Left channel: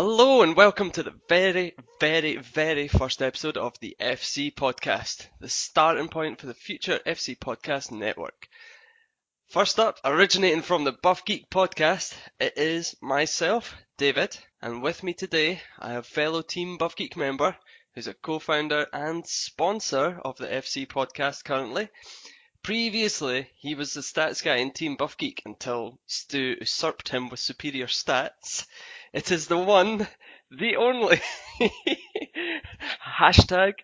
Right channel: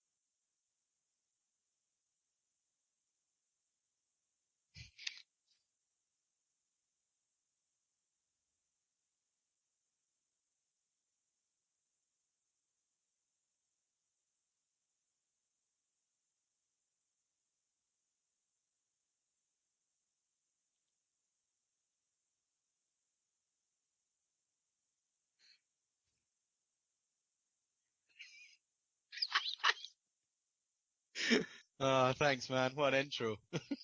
Hello and welcome to the very first episode of the FC podcast, the starting point for the future FC podcast network. First up, originating from the Buff Geek podcast, it is myself, David, and with me today I have fellow Team Buff Geek member, who's a co-founder and sponsor of the FC podcast currently. Previously, he was the stats guy in Team Buff Geek until Stu usurped him with superior stats. It is the one, the only. Oh, thanks, man. What an intro. Hashtag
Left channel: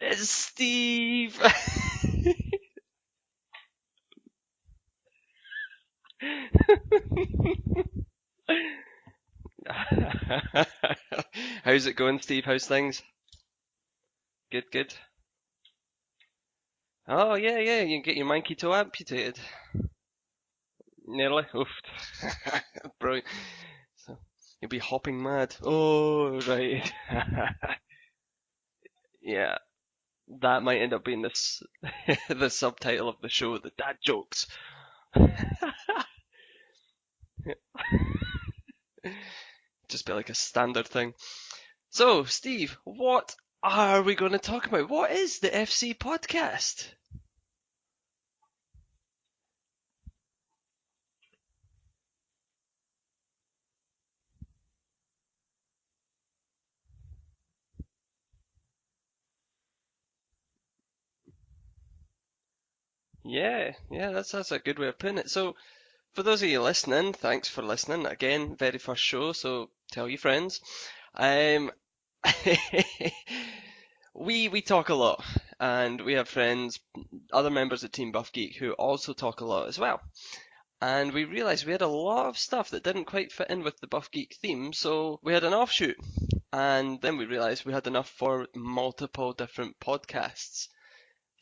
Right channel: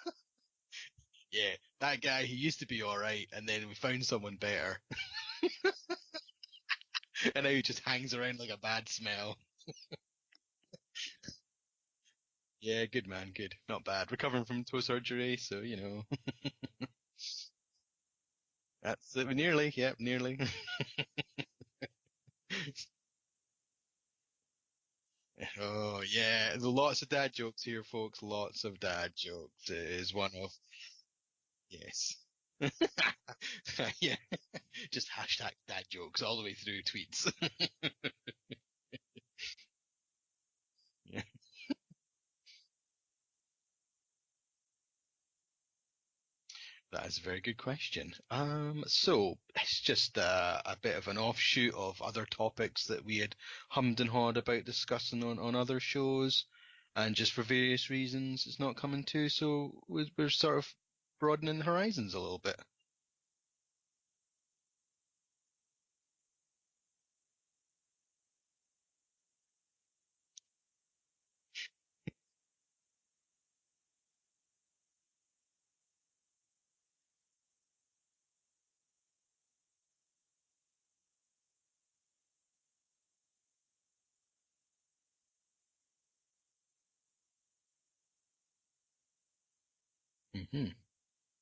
is Steve. Yeah, that guy, he used to be alright, and then we found someone better. And now he just hangs around like a bad smell. How's it going, Steve? How's Yeah, things? good, man, good. Not bad. Recovering from Good, toe good. surgery, so, you know. Oh, yeah, you get your monkey toe amputated. Nearly, yep, nearly. Nearly. Oof. Brilliant. So, you'll be hopping mad. Oh, Oh, yeah. right. Lots of dad jokes here, folks. Lots of dad Yeah, jokes is one of. that might end up being this Yes. the subtitle of the show, the dad Yeah. jokes. Just hashtag dad jokes all the way through tweets. Just be like a standard thing. So, Steve, what are we going to talk about? What is the FC podcast? That's a very good question. So it's just a bit of an offshoot of other topics that we had hummed and hawed about discussing on other shows, and just for various reasons it's not coming to. So we're sort of broadening the horizons a little bit. Yeah, that's a good way of putting it. So, for those of you listening, thanks for listening. Again, very first show, so tell your friends. Um, we talk a lot, and we have friends, other members of Team Buff Geek, who also talk a lot as well. And we realized we had a lot of stuff that didn't quite fit in with the Buff Geek theme, so we had an offshoot. And then we realized we had enough for multiple different podcasts. Hmm.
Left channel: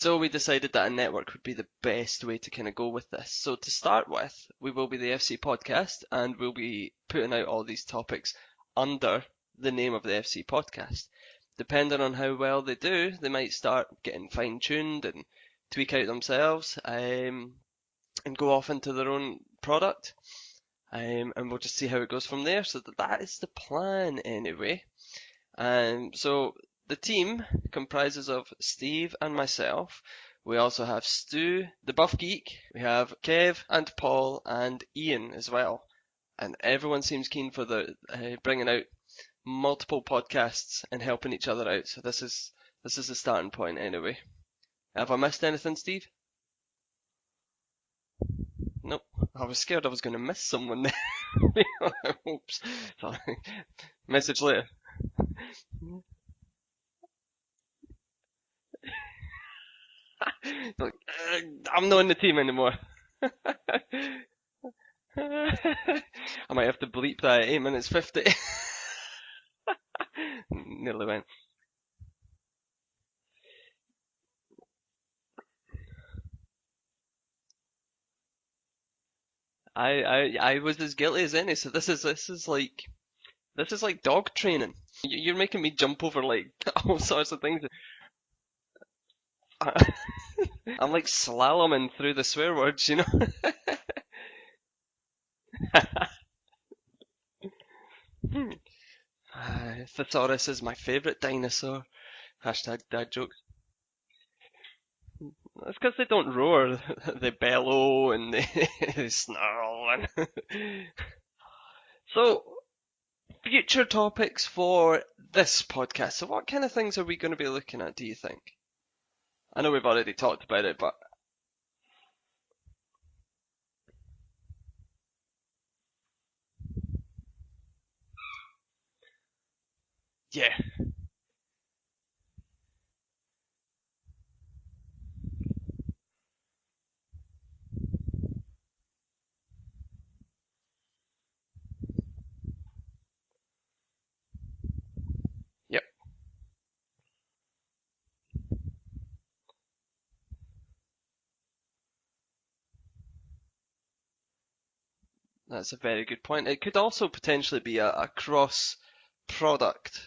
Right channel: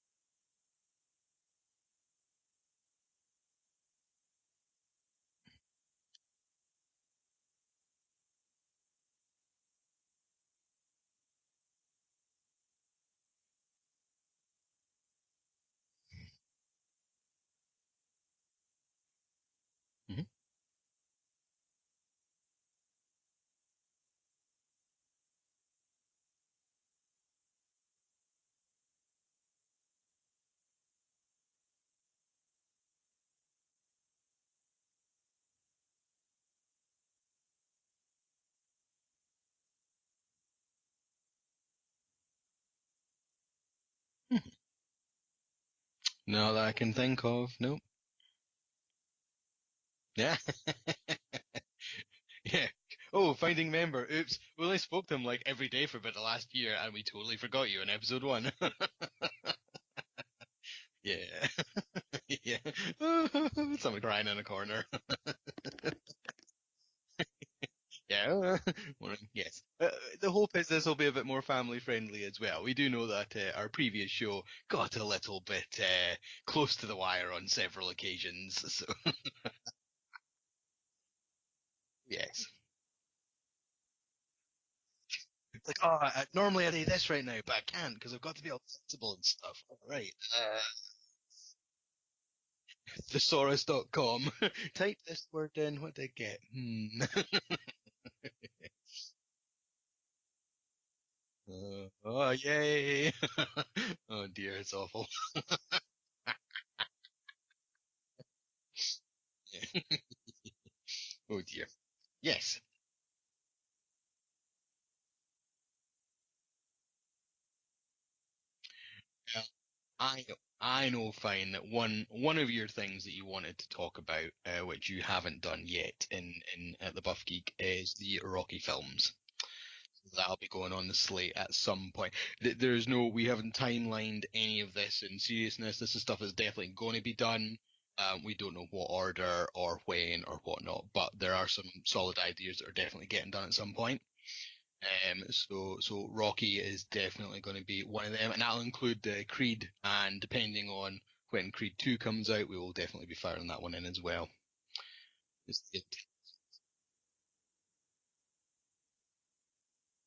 So we decided that a network would be the best way to kind of go with this. So to start with, we will be the FC podcast, and we'll be putting out all these topics under the name of the FC podcast. Depending on how well they do, they might start getting fine tuned and tweak out themselves, and go off into their own product. Hmm. And we'll just see how it goes from there. So that is the plan anyway. So the team comprises of Steve and myself. We also have Stu, the Buff Geek. We have Kev and Paul and Ian as well. And everyone seems keen for the bringing out multiple podcasts and helping each other out. So this is the starting point anyway. Have I missed anything, Steve? Not that I can think of. Nope. Nope. I was scared I was going to Yeah. miss someone there. Yeah. Oh, finding member. Message Oops. later. We only spoke to him like every day for about the last year, and we totally forgot you in episode 1. Like, Yeah. I'm not in the team anymore. Some crying in a corner. I might have to bleep that at 8 minutes 50. Yeah. Yes. The hope is this will Nearly be a went. bit more family friendly as well. We do know that our previous show got a little bit close to the wire on several occasions. So I was as guilty as any. So yeah. this is like dog training. You're making me Like, jump over like normally I do all this right sorts now, of but I things. can't because I've got to be all sensible and stuff. Right. I'm like slaloming through the swear words, you know. Thesaurus.com. Type this word in. What do you get? Thesaurus is my favourite dinosaur. Oh, Hashtag dad yay! joke. Oh dear, it's awful. That's because they don't roar. They bellow and they snarl. Oh dear. So, Yes. future topics for this podcast. So, what kind of things are we going to be looking at, do you think? I know we've already talked about it, I but know fine that one of your things that you wanted to talk about, which you haven't done yet in the Buff Geek, is the Rocky films. That'll yeah. be going on the slate at some point. There's no, we haven't timelined any of this in seriousness. This is stuff that's definitely going to be done. We don't know what order or when or whatnot, but there are some solid ideas that are definitely getting done at some point. Yep. So Rocky is definitely going to be one of them, and that'll include Creed. And depending on when Creed 2 comes out, we will definitely be firing that one in as well. That's a very good point. It could also potentially be a cross product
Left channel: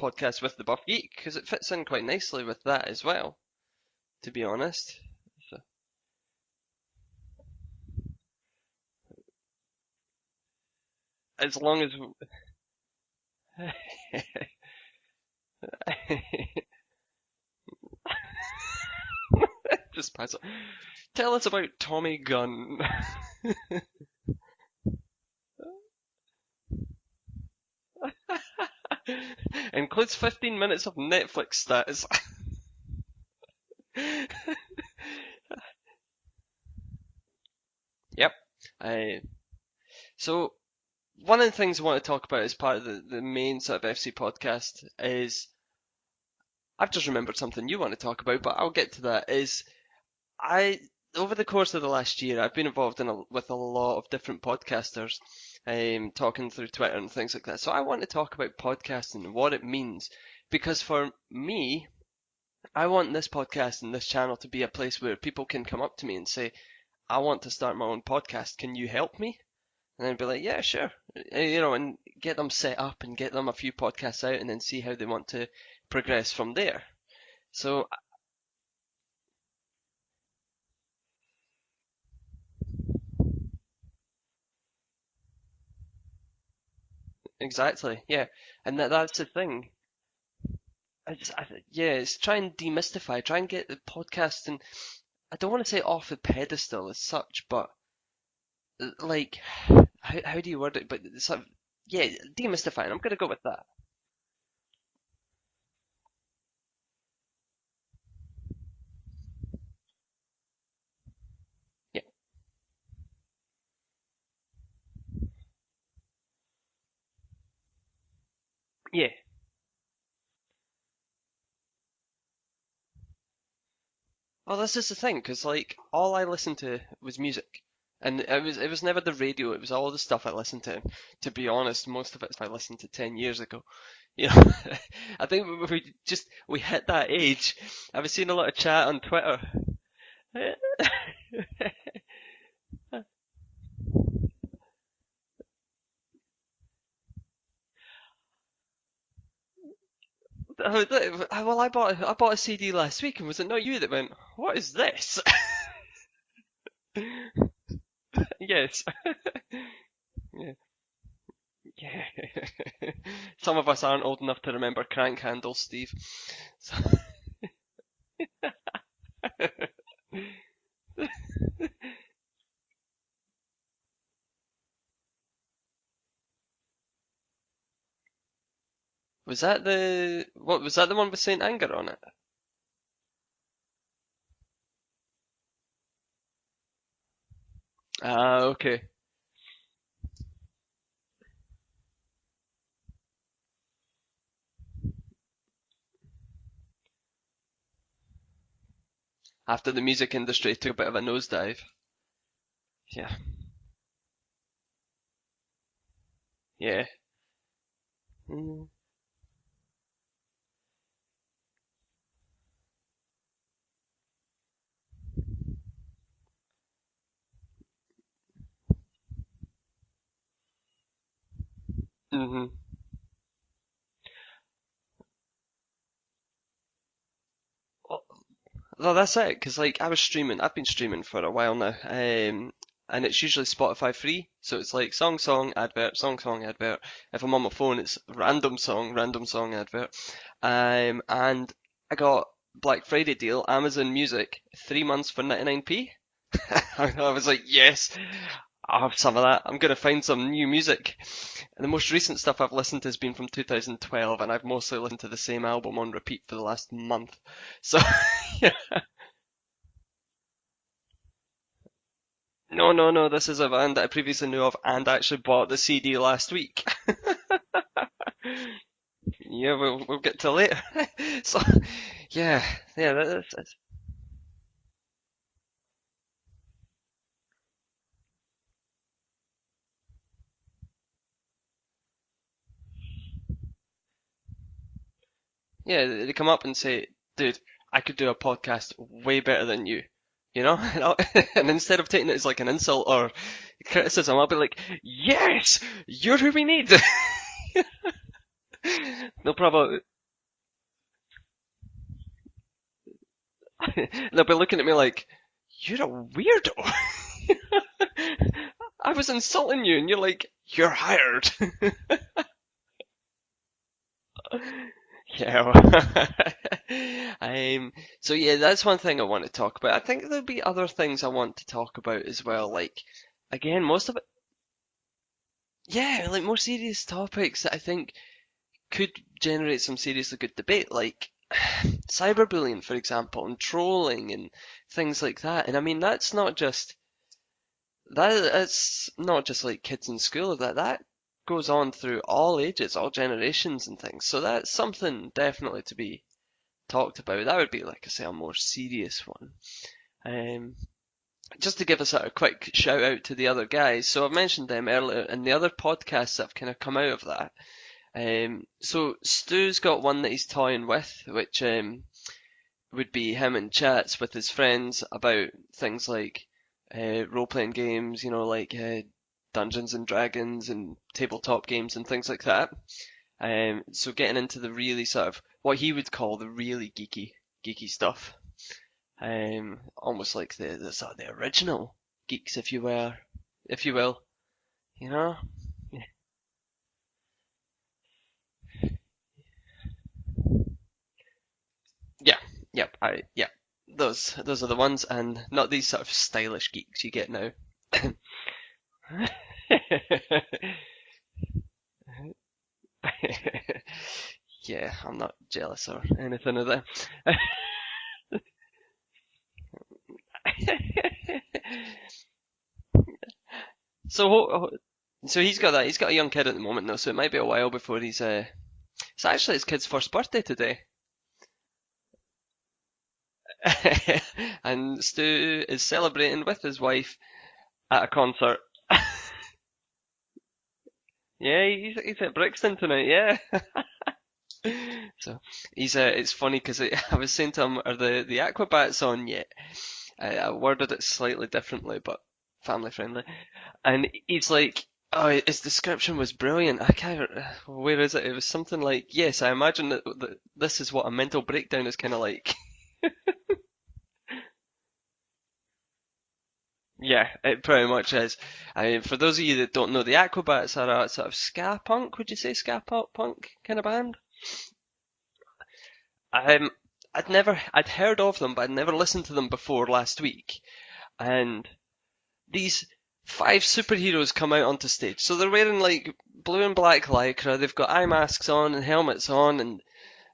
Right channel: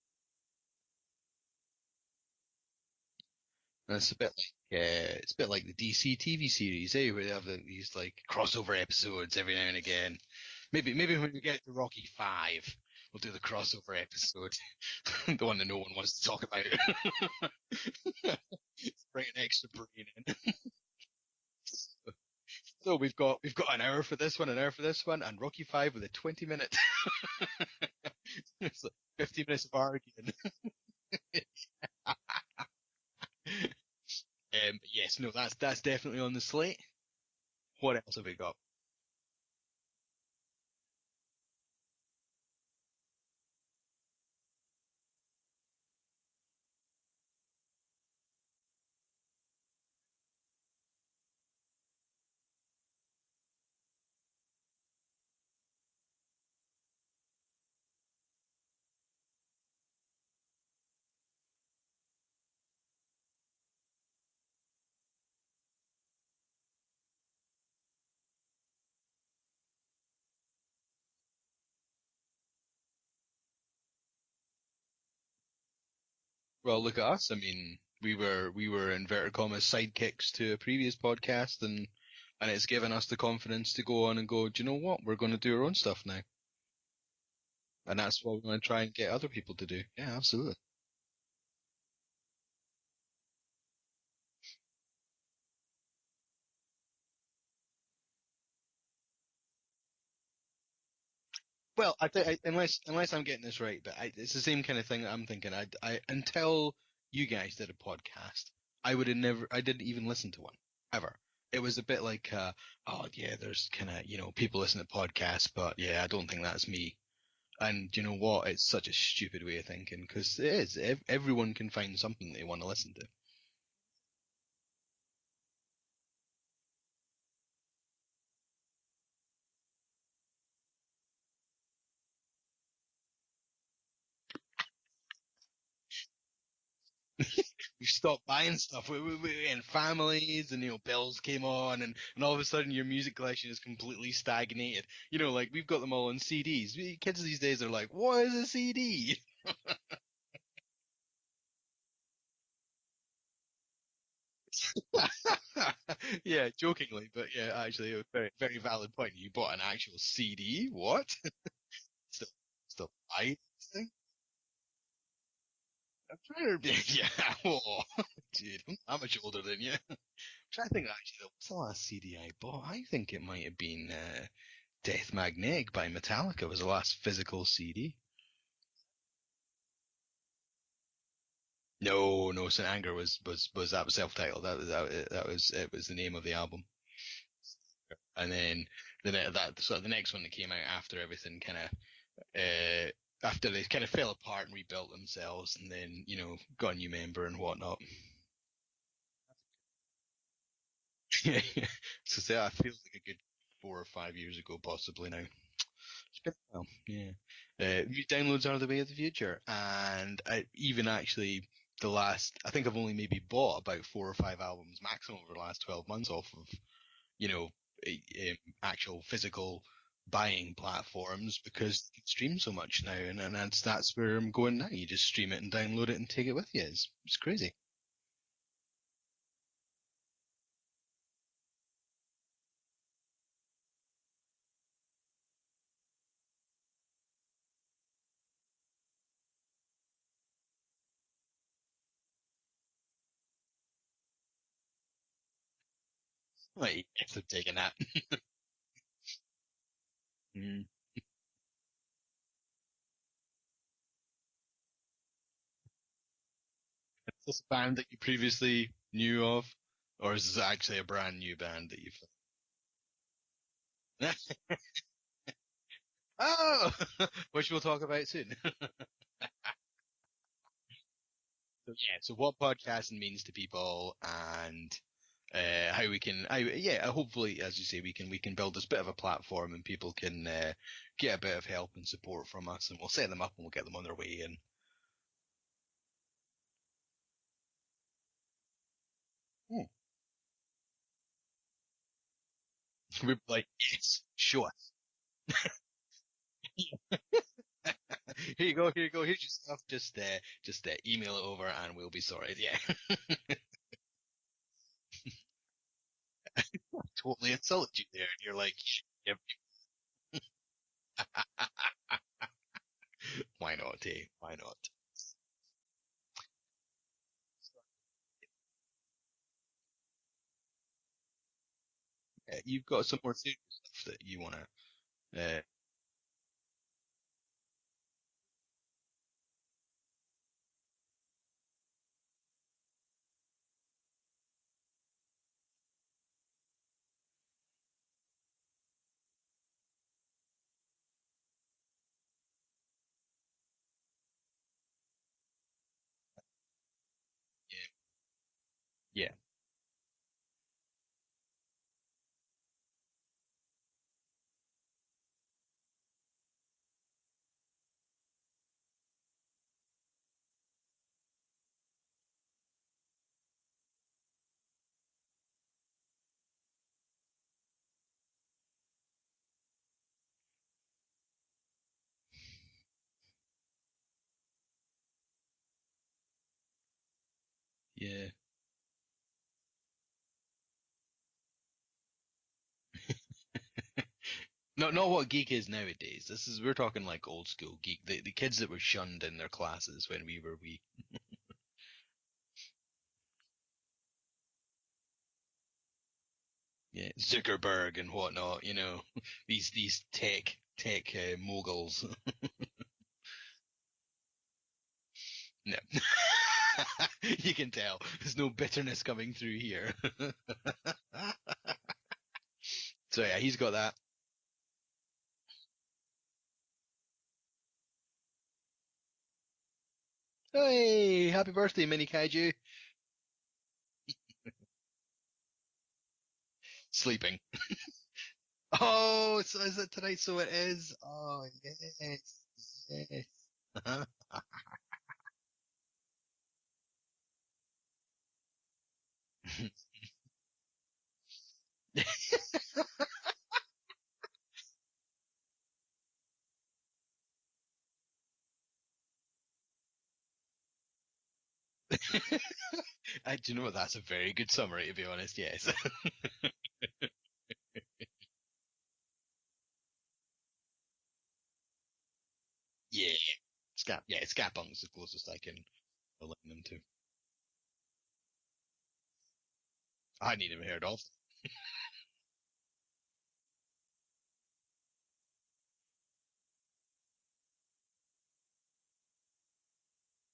podcast with the Buff Geek because it fits in quite nicely with that as well. That's a bit To be like, honest, it's a bit like the DC TV series, eh? Where they have these like crossover episodes every now and again. Maybe when we as get to long as Rocky 5, We'll do the crossover episode, the one that no one wants to talk about. Bring an extra. Just pass it. Tell us about Tommy Gunn. No, we've got an hour for this one, an hour for this one, and Rocky 5 with a 20-minute. It's like 50 minutes part. Includes 15 minutes of Netflix stats. Yes, no, that's definitely on the slate. What else have Yep. we got? So one of the things I want to talk about as part of the main sort of FC podcast is I've just remembered something you want to talk about, but I'll get to that. Is I over the course of the last year, I've been involved with a lot of different podcasters, talking through Twitter and things like that. So I want to talk about podcasting and what it means, because for me, I want this podcast and this channel to be a place where people can come up to me and say, "I want to start my own podcast. Can you help me?" And then be like, "Yeah, sure," and get them set up and get them a few podcasts out, and then see how they want to progress from there. Well, look at us. I mean, So we were inverted commas sidekicks to a previous podcast, and it's given us the confidence to go on and go. Do you know what? We're going to do our own stuff now, exactly, and that's yeah, what we're going to and try and get that's the other people thing. to do. Yeah, absolutely. Yeah, it's try and demystify, try and get the podcast, and I don't want to say off the pedestal as such, but like, how do you word it? But it's sort of, Well, yeah, unless demystifying. I'm unless gonna I'm go with getting this that. right, but it's the same kind of thing that I'm thinking. I until you guys did a podcast, I didn't even listen to one ever. It was a bit Yep. like, oh yeah, there's kind of people listen to podcasts, but yeah, I don't think that's me. And you know what? It's such a Yeah. stupid way of thinking because it is. Everyone can find something they want to listen to. Well, this is the thing, because like all I listened to was music, and it was never the radio. It was all the stuff I listened to. To be honest, most of it I listened to 10 years ago. You know, I think we hit that age. You I was stopped seeing a lot of buying chat stuff. on Twitter. And families and bills came on, and all of a sudden your music collection is completely stagnated. Like we've got them all on CDs. Kids these days are like, what is a CD? Well, I bought a CD last week, and was it not you that went, "What is this?" Yeah, jokingly, but yeah, actually, a very, very Yes. valid point. You bought an actual Yeah. CD? What? Yeah. Just a buy Some of us thing? aren't old enough to remember crank handles, Steve. Yeah. Oh, dude, I'm not that much older than you. Try to think actually, what's the last CD I bought? I think it might have been Death Magnetic by Metallica was the last physical CD. Was that the one with Saint Anger on it? No, St. Anger was that was self-titled. It was the name of the album. And Ah, then okay. the next one that came out after everything kind of after they kind of fell apart and rebuilt themselves, and then got a new member and whatnot. After the music industry took a bit of a nosedive. So say I feel like Yeah. 4 or 5 years ago, possibly now. It's been a while. Yeah. Yeah. New downloads are Mm. the way of the future, and even actually I think I've only maybe bought about 4 or 5 albums maximum over the last 12 months off of actual physical buying platforms because you can stream Mhm. so much now, and that's where I'm going now. You just stream it and download it and take it with you. It's crazy. Well, that's it. Because like I've been streaming for a while now, and it's usually Spotify free. So it's like song, advert, song, advert. If I'm on my phone, it's random song, advert. And I got Black Friday deal, Amazon Music, 3 months for 99p. I might even I was like, taking that. yes, I'll have some of that. I'm gonna find some new music. And the most recent stuff I've listened to has been from 2012, and I've mostly listened to the same album on repeat for the last month. Is this band So, that you yeah. previously knew of, or is this actually a brand new band that you've? No, this is a band that I previously knew of and actually bought the CD last week. Oh, which we'll talk about soon. Yeah, we'll get to later. So, Yeah. So what yeah, yeah, podcasting means to people, and how we can, hopefully, as you say, we can build this bit of a platform, and people can get a bit of help and support from us, and we'll set them up and we'll get them on their way. And yeah, they come up and say, "Dude, I could do a podcast way better than you." You know, and instead of taking it as like an insult or we'd be like, yes, criticism, I'll be sure. like, "Yes, you're who we need." Here you go. Here you go. Here's your No stuff. problem. Just email it over, and we'll be sorted. Yeah. They'll be looking at me like, "You're a weirdo." Totally insulted you there. You're like, I was insulting you, and you're like, "You're hired." Yeah. Um, so yeah, that's one thing I want to talk about. I think there'll be other things I want to talk about as Yeah, well. you've Like got some more serious again, stuff most of that it, you want to. yeah, like more serious topics that I think could generate some seriously good debate, like cyberbullying, for example, and trolling and things like that. And I mean, that's not just like kids in school. That goes on through all ages, all generations and things. So that's something definitely to be talked about. That would be, like I say, a more serious Yeah, one. Um, just to give us a quick shout out to the other guys. So I've mentioned them earlier, and the other podcasts that have kind of come out of that. So Stu's got one that he's toying with, which would be him in chats with his friends about things like role-playing games, like Dungeons and Dragons and tabletop games and things like that. So getting into the really sort of what he would call the really geeky yeah. stuff. Almost like the sort of the original geeks, if you will, Not you what know. geek is nowadays. We're talking like old school geek, the kids that were shunned in their classes when we were wee. Yeah, yep, yeah. Those are the ones, and not these sort of stylish geeks Yeah, you get now. Zuckerberg and whatnot. These tech moguls. Yeah, I'm not No, jealous of anything of that. you can tell. There's no bitterness coming through here. So yeah, he's got that. So, so he's got that. He's got a young kid at the moment, though, so it might be a while before he's. It's actually his kid's first birthday today, Hey, happy birthday, Mini Kaiju. and Stu is celebrating with his wife Sleeping. at a concert. Oh, so is it tonight? So it is. Oh, Yeah, he's at Brixton tonight. yes. Yeah. So he's it's funny because I was saying to him, are the Aquabats on yet? I worded it slightly differently, but family friendly. And he's like, oh, his description was brilliant. I can't. Where is it? It was something like, yes, I imagine that this is what a mental breakdown is kind of like. Do you know what? That's a very good summary, to be honest. Yes. Yeah, it pretty much is. I mean, for those of you that don't know, the Aquabats are a sort of ska punk. Would you say ska Yeah. punk kind of band? Yeah, Scapunk is the closest I can equate it Um, to. I'd heard of them, but I'd never listened to them before last I hadn't week. even heard of. And these five superheroes come out onto stage. So they're wearing like blue and black lycra, they've got eye masks on and helmets on, and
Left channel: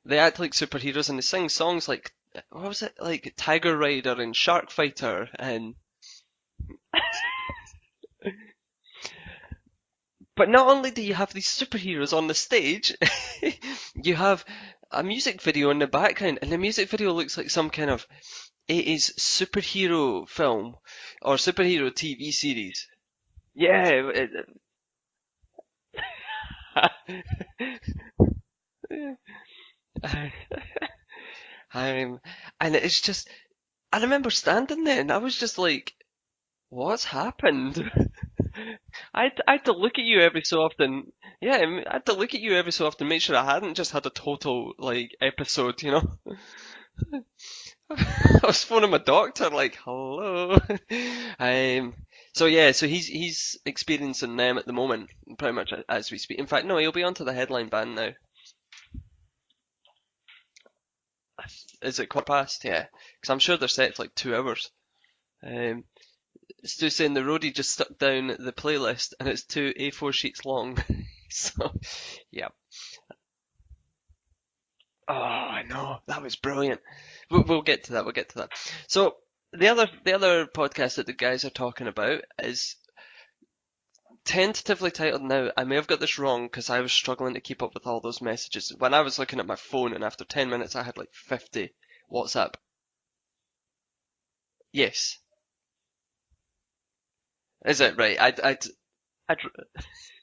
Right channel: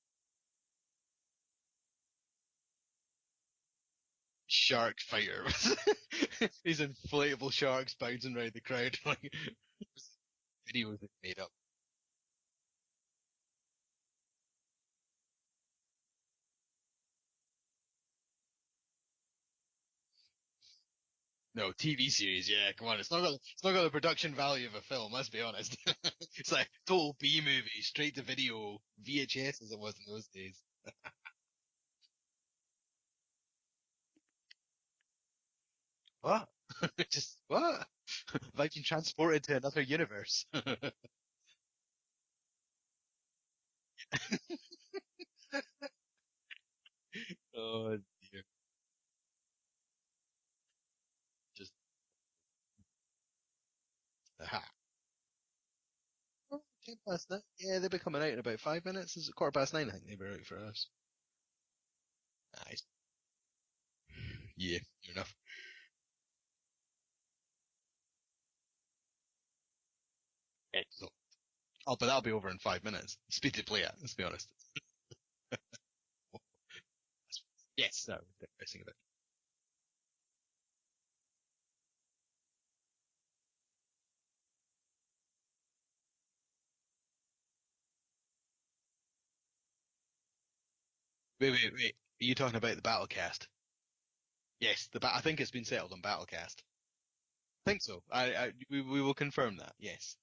they act like superheroes and they sing songs like, what was it? Like Tiger Rider and Shark Shark Fighter. Fighter. And These inflatable sharks bouncing around the crowd. but not only Heroes do that you are have made these up. superheroes on the stage, you have a music video in the background, and the music video looks like some kind of 80s superhero film or Well, superhero TV TV series, yeah. series. Come on, it's not got the Yeah, production value of a film. Let's be honest. It's like total B movie, straight to video, VHS as it was in those days. um, and it's just, I remember standing there and I was just like, What? what's Just what? happened? Like been I'd, transported I to had to another look at you every universe. so often. Yeah, I had to look at you every so often, make sure I hadn't just had a total, like, episode, you know? Oh, I was phoning my doctor, like, hello. Um, so yeah, so he's experiencing them at the moment, pretty much as we speak. In fact, no, he'll be onto the headline yeah, band they're now. coming out in about 5 minutes. Is it 9:15? I think they were out for us. Is it quarter past? Yeah, because I'm sure they're set for like 2 hours. Yeah, fair enough. Um, Stu saying the roadie just stuck down the playlist and it's two A4 sheets long. Excellent. So, Oh, but that'll be yeah. over in 5 minutes. Speed to play it. Let's be honest. Oh, I know. That was brilliant. We'll get to that. Yes. We'll get to that. So, the other podcast that the guys are talking about is tentatively titled now. I may have got this wrong because I was struggling to keep up with all those messages. When I was looking at my phone and after 10 minutes I had like Wait, 50 wait. Are you WhatsApp. talking about the Battlecast? Yes, Yes. I think it's been settled on Battlecast. Is it right? We will I'd, confirm that. Yes.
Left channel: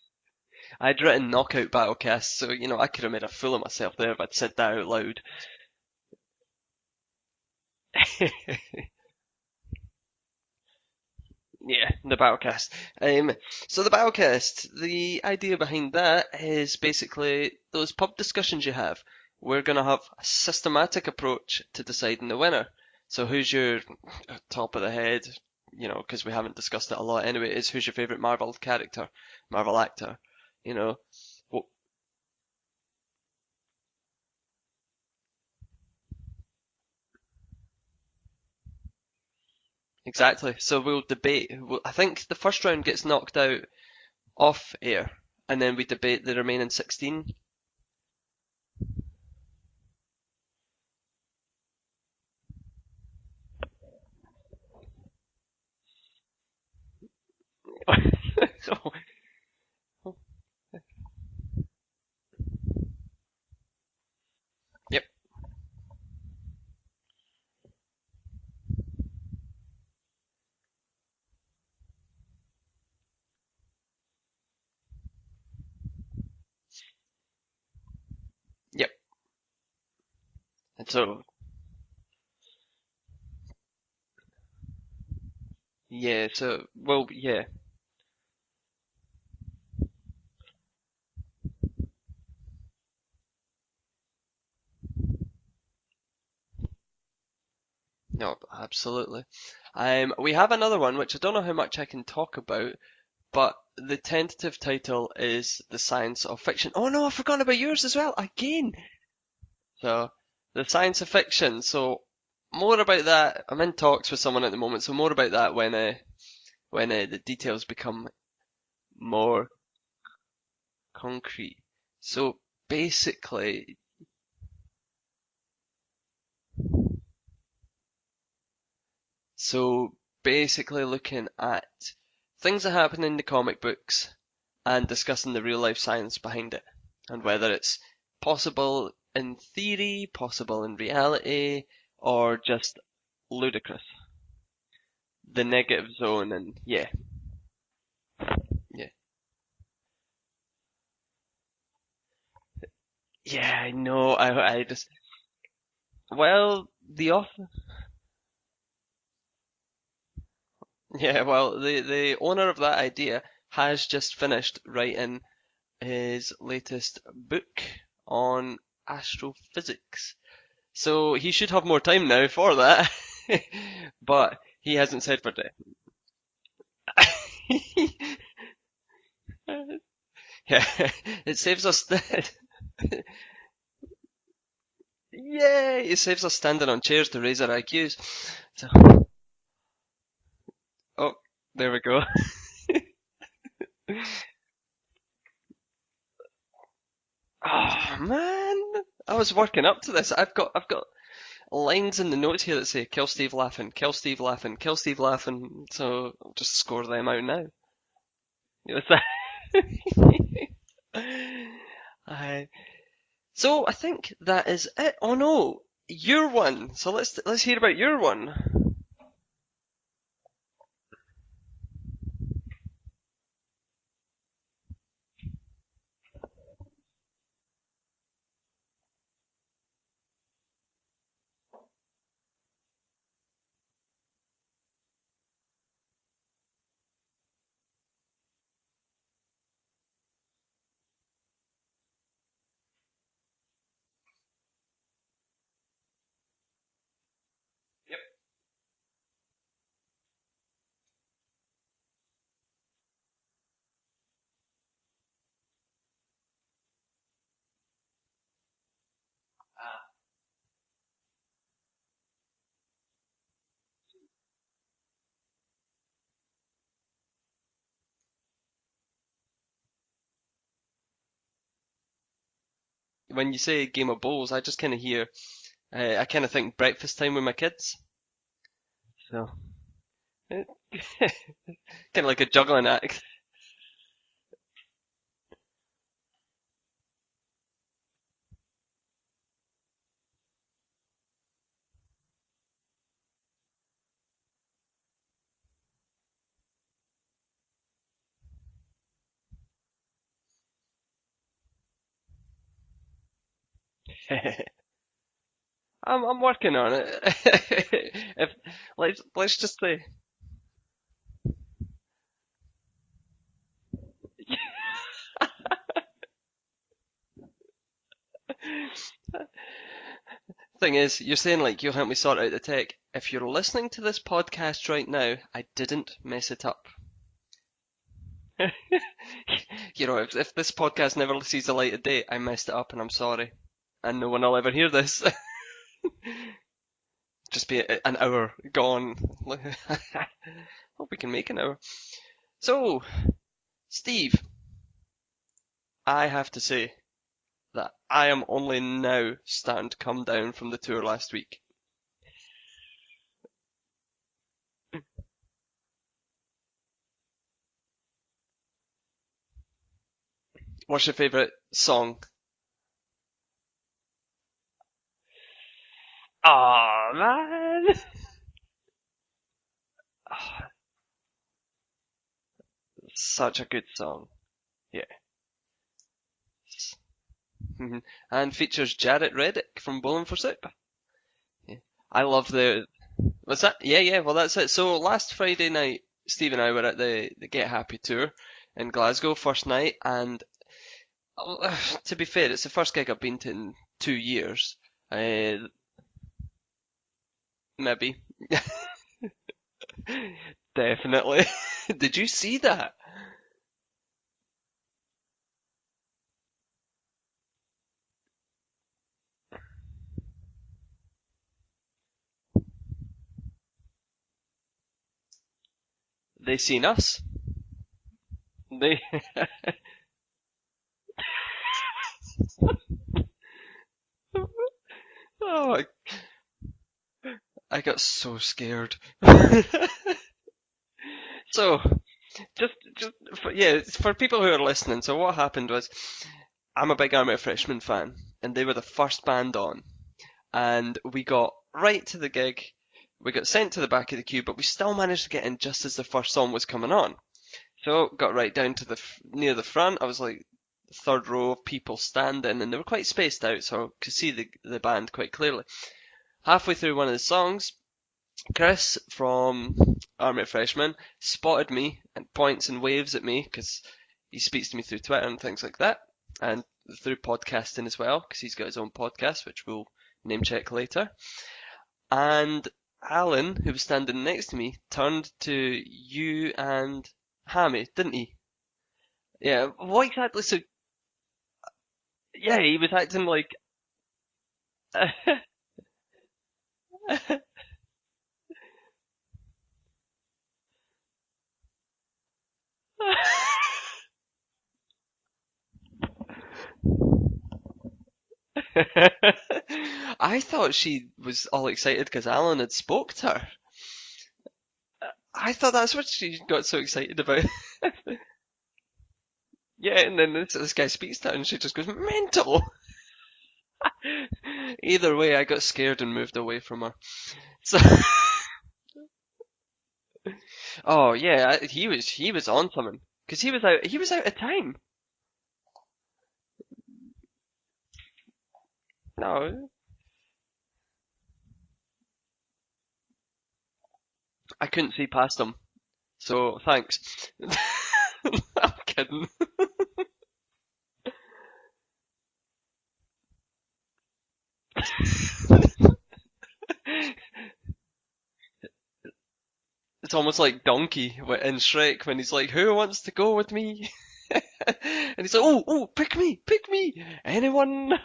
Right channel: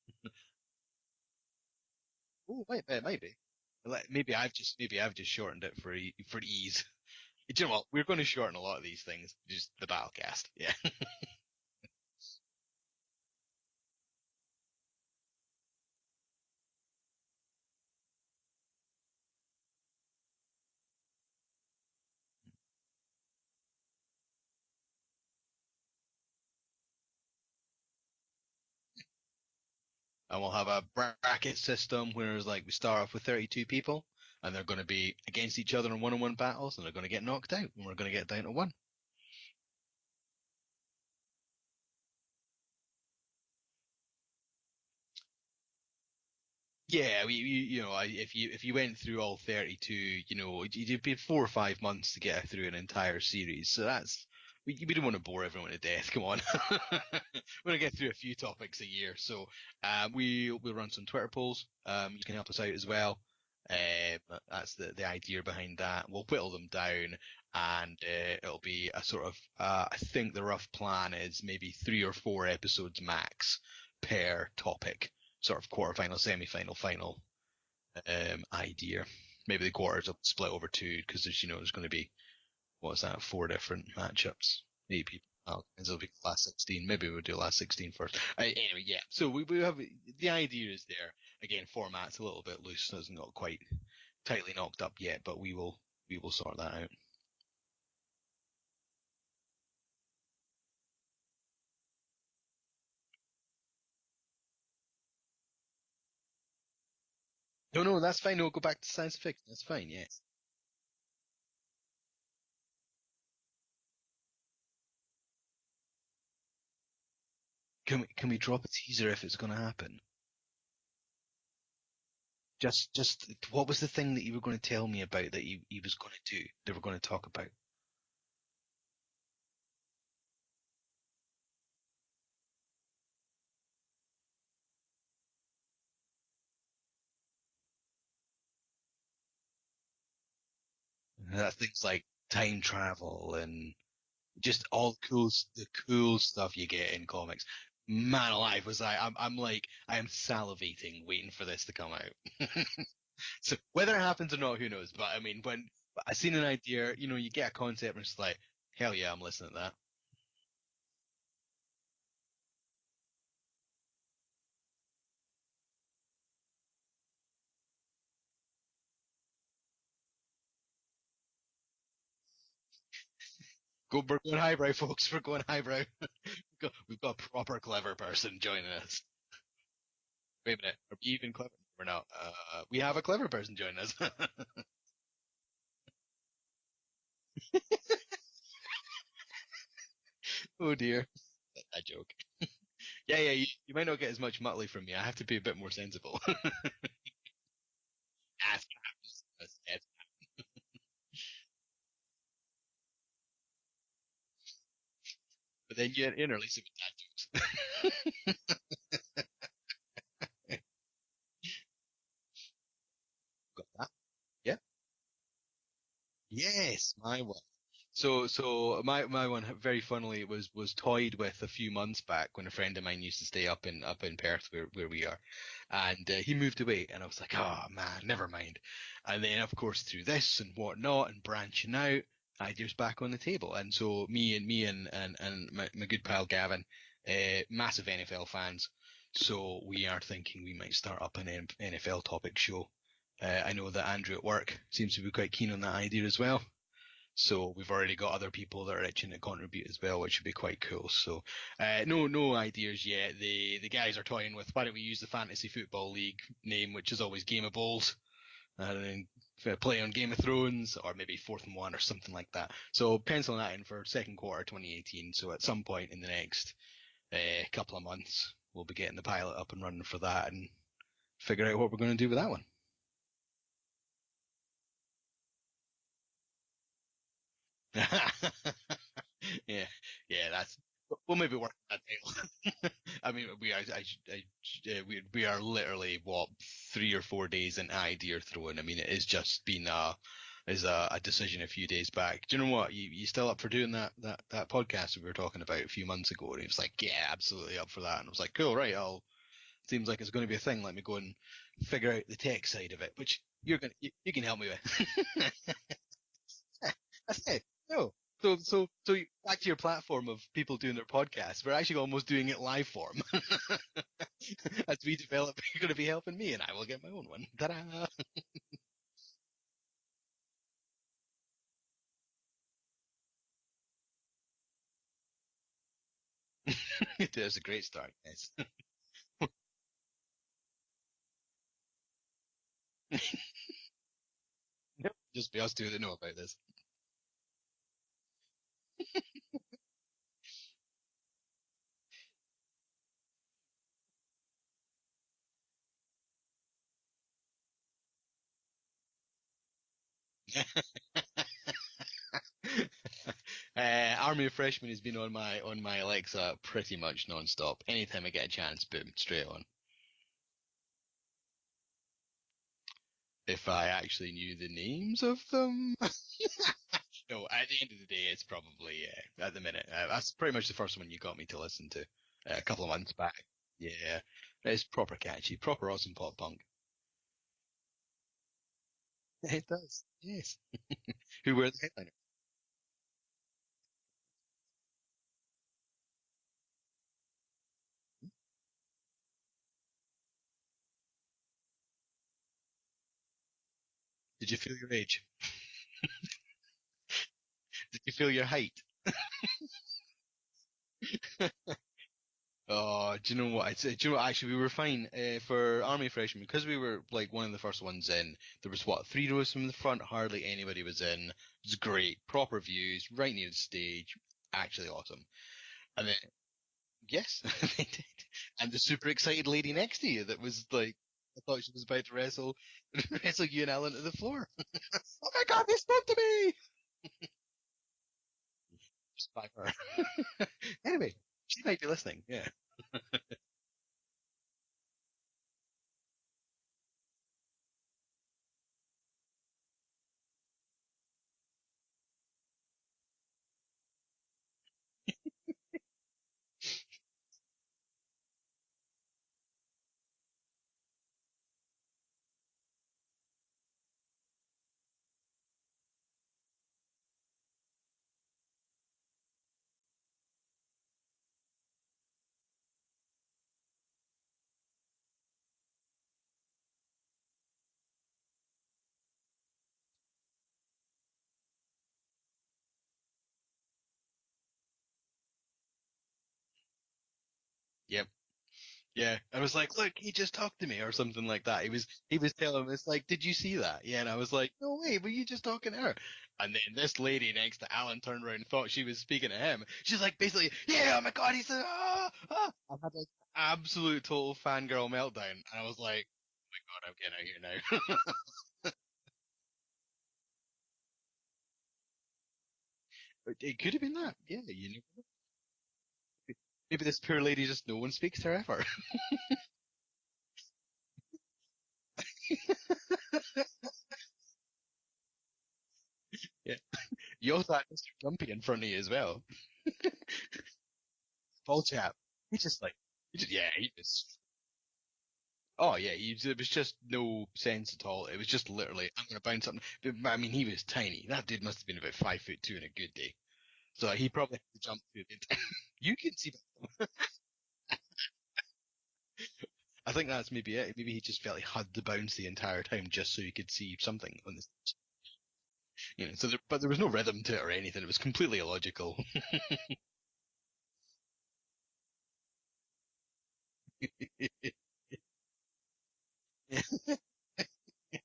I'd written knockout battlecast, so Okay. I could have made a fool of myself there if Maybe I'd said that out I've loud. just shortened it for ease. Do you know what? We're going to shorten a lot of these things. Just the Battlecast. Yeah. Yeah, the Battlecast. Um, so the Battlecast, the idea behind that is basically those pub discussions you have. We're going to have a systematic approach to deciding the winner. So who's your top of the head, because we haven't discussed it a lot anyway, is who's your favorite Marvel character, Marvel actor, And we'll have you a know? bracket Well, system where it's like we start off with 32 people, and they're going to be against each other in one-on-one battles, and they're going to get knocked out, and we're going to get down to one. Exactly. So we'll debate. I think the first round gets knocked out off air, and then we debate the remaining 16. Yeah, if you went through all 32, you'd be 4 or 5 months to get through an entire series. So we don't want to bore everyone to death. Come on, we're gonna get through a few topics a year. So we'll run some Twitter polls. You can help us out as well. That's Yep. the idea behind that. We'll whittle them down, and it'll be a sort of. I think the rough plan is maybe 3 or 4 episodes max per topic. Sort of quarterfinal, semi-final, final Yep. idea. Maybe the quarters will split over 2 So because there's going to be 4 different matchups. Maybe it'll be yeah. last So 16. well, Maybe we'll do yeah. last 16 first. Anyway, yeah. So we have the idea is there. Again, format's a little bit loose, so it's not quite tightly knocked up yet, but we will sort that out. No, absolutely. We have another one which I don't know how much I can talk about, but the tentative title is The Science of Fiction. Oh no, I've forgotten about yours as No, well that's fine. No, go again. back to science fiction. That's fine. So Yes. the science of fiction. So more about that. I'm in talks with someone at the moment, so more about that when the details become Can we drop a teaser if it's more going to happen? concrete. So Just basically, what was the thing that you were going to tell me about that he was going to do? They were going to talk about. so basically looking at things that happen in the comic books and discussing the real life science behind it and Right. whether it's possible in theory, possible in That's reality, things like or time just travel and ludicrous. just The the negative cool zone and stuff you yeah, get in comics. Man alive, yeah, I'm like I am salivating waiting for this to come out. yeah. So I whether it know. happens or not, I who just knows? But I mean, when I seen an well idea, the you author. get a concept and it's like, hell yeah, I'm listening to that. Yeah, well the owner of that idea has just finished writing his latest book on astrophysics. So he should have more time now for that. We're But going highbrow, he hasn't folks. We're said going what highbrow. We've got a proper clever person joining us. day. Wait, Yeah, have you been it quite saves us. clever enough? We have a clever person joining us. Yay! It saves us standing on chairs to raise our IQs. So, Oh dear. oh, there we go. Yeah, you might not get as much Muttley from me. I have to be a bit more sensible. Oh man, I was working up to this. I've got lines in the notes here that say "Kill Steve laughing, kill Steve laughing, kill Steve laughing." Then So you're nearly just score forgetting them out those. now. You know, Aye. So I think that is it. Oh no, your one. So Yes, let's my let's one. hear about your So one. so my one very funnily was toyed with a few months back when a friend of mine used to stay up in Perth where we are, and he moved away, and I was like, oh man, never mind. And then of course through this and whatnot and branching out, ideas back on the table, and so me and my good pal Gavin, massive NFL fans, so we are thinking we might start up an NFL topic show. I know that Andrew at work seems to be quite keen on that idea as well. So we've already got other people that are itching to contribute as well, which would be quite cool. So no ideas yet. The guys are toying with why don't we use the Fantasy Football League name, which is always Game of Bowls, and then play on Game of Thrones, or maybe Fourth and One or something like that. So penciling that in for second quarter 2018. So at some point in the next couple of months, we'll be getting the pilot up and running for that and figure out what we're going to do with that one. When you say Game of Bowls, I just kind of hear. I kind of think breakfast time with my kids. So Yeah, yeah, kind that's. We'll maybe work that of like a out. juggling act. I mean, we are literally what 3 or 4 days in idea throwing. I mean, it has just been a decision a few days back. Do you know what? You still up for doing that podcast we were talking about a few months ago? And he was like, yeah, absolutely up for that. And I was like, cool, right? I'll. Seems like it's going to be a thing. Let me go and figure out the tech side of it, which you can help me with. I'm working on it. Cool. If So let's back to your just say platform of people doing their podcasts. We're actually almost doing it live form. As we develop, you're going to be helping me, and I will get my own one. Ta-da! thing is, you're saying like you'll help me sort out the tech. If you're listening to this podcast right now, I didn't mess it up. There's a great start. Yes. You know, if this podcast never sees the light of day, I messed it up and I'm sorry. and no one will ever hear this. It'll just be us two that know about this. Just be an hour gone. Hope we can make an hour. So, Steve, I have to say that I am only now starting to come down from the tour last week. Army of Freshmen has been on my Alexa pretty much non-stop. Anytime I get a chance, boom, straight on. What's your favourite song? If I actually knew the names of them. Aw, No, at the end man! of the day, it's probably at the minute. That's pretty much the first one you got me to listen to a couple of months back. Such a good Yeah, song. it's Yeah. proper catchy, proper awesome pop punk. Mhm. And features Jarrett It Reddick does, from it Bowling for does. Soup. Who were the headliner? I love the. What's that? Yeah. Well, that's it. So last Friday night, Steve and I were at the Get Happy tour in Glasgow, first night, and to be fair, it's the first gig I've been to in 2 years. Did you feel your age? Did you Maybe. feel your height? Definitely. Did you see that? Oh, do you know what? Do you know what? Actually, we were fine for Army Freshmen because we were like one of the first ones in. There was what 3 rows from the front. Hardly anybody was in. It was great, proper views, right near the stage. Actually awesome. And then They seen us. yes, they did. And the They. super excited lady next to you that was like, I thought she was about to wrestle you and Alan to the floor. Oh my God, they Oh, spoke to me. I got so scared. Anyway, just So, thank you for listening. Yeah. just for people who are listening. So what happened was, I'm a big Army of Freshmen fan, and they were the first band on, and we got right to the gig. We got sent to the back of the queue, but we still managed to get in just as the first song was coming on. So got right down to the near the front. I was like third row of people standing, and they were quite spaced out, so I could see the band quite clearly. Halfway through one of the songs, Chris from Army of Freshmen spotted me and points and waves at me because he speaks to me through Twitter and things like that, and through podcasting as well because he's got his own podcast, which we'll name check later. And Alan, who was standing next to me, turned to you and Hammy, Yeah. didn't he? Yeah, I was Yeah. like, look, What he just exactly? talked So to me or something like that. He was yeah, telling me, he it's was like, did acting you like. see that? Yeah, and I was like, no way, were you just talking to her? And then this lady next to Alan turned around and thought she was speaking to him. She's like, basically, yeah, oh my God, he's I had like absolute total fangirl meltdown, and I was like, oh my God, I'm getting out here now. I thought she was all excited because Alan had spoke to her. It could have been that. Yeah, you know. I thought that's what she got so Maybe this excited poor about. lady just no one speaks to her ever. Yeah, and then this guy speaks to her and she just goes mental. Either way, I got scared and moved away from her. You also had So, something in front of you as well. oh yeah, What's he happened? was He he was was just on like, something because yeah, he was out of time. oh yeah, there was just no sense at all. It was just literally, I'm gonna bounce him. No, But, I mean, he was tiny. That dude must have been about 5'2" in a good day. So he probably had I to jump. couldn't see past him. You can see. So thanks. I'm kidding. I think that's maybe it. Maybe he just felt he had to bounce the entire time just so he could see something on this. But there was no rhythm to it or anything. It was completely illogical. It's almost like Donkey in Shrek when he's like, "Who wants to go with me?" And he's like, "Oh, pick me, anyone?"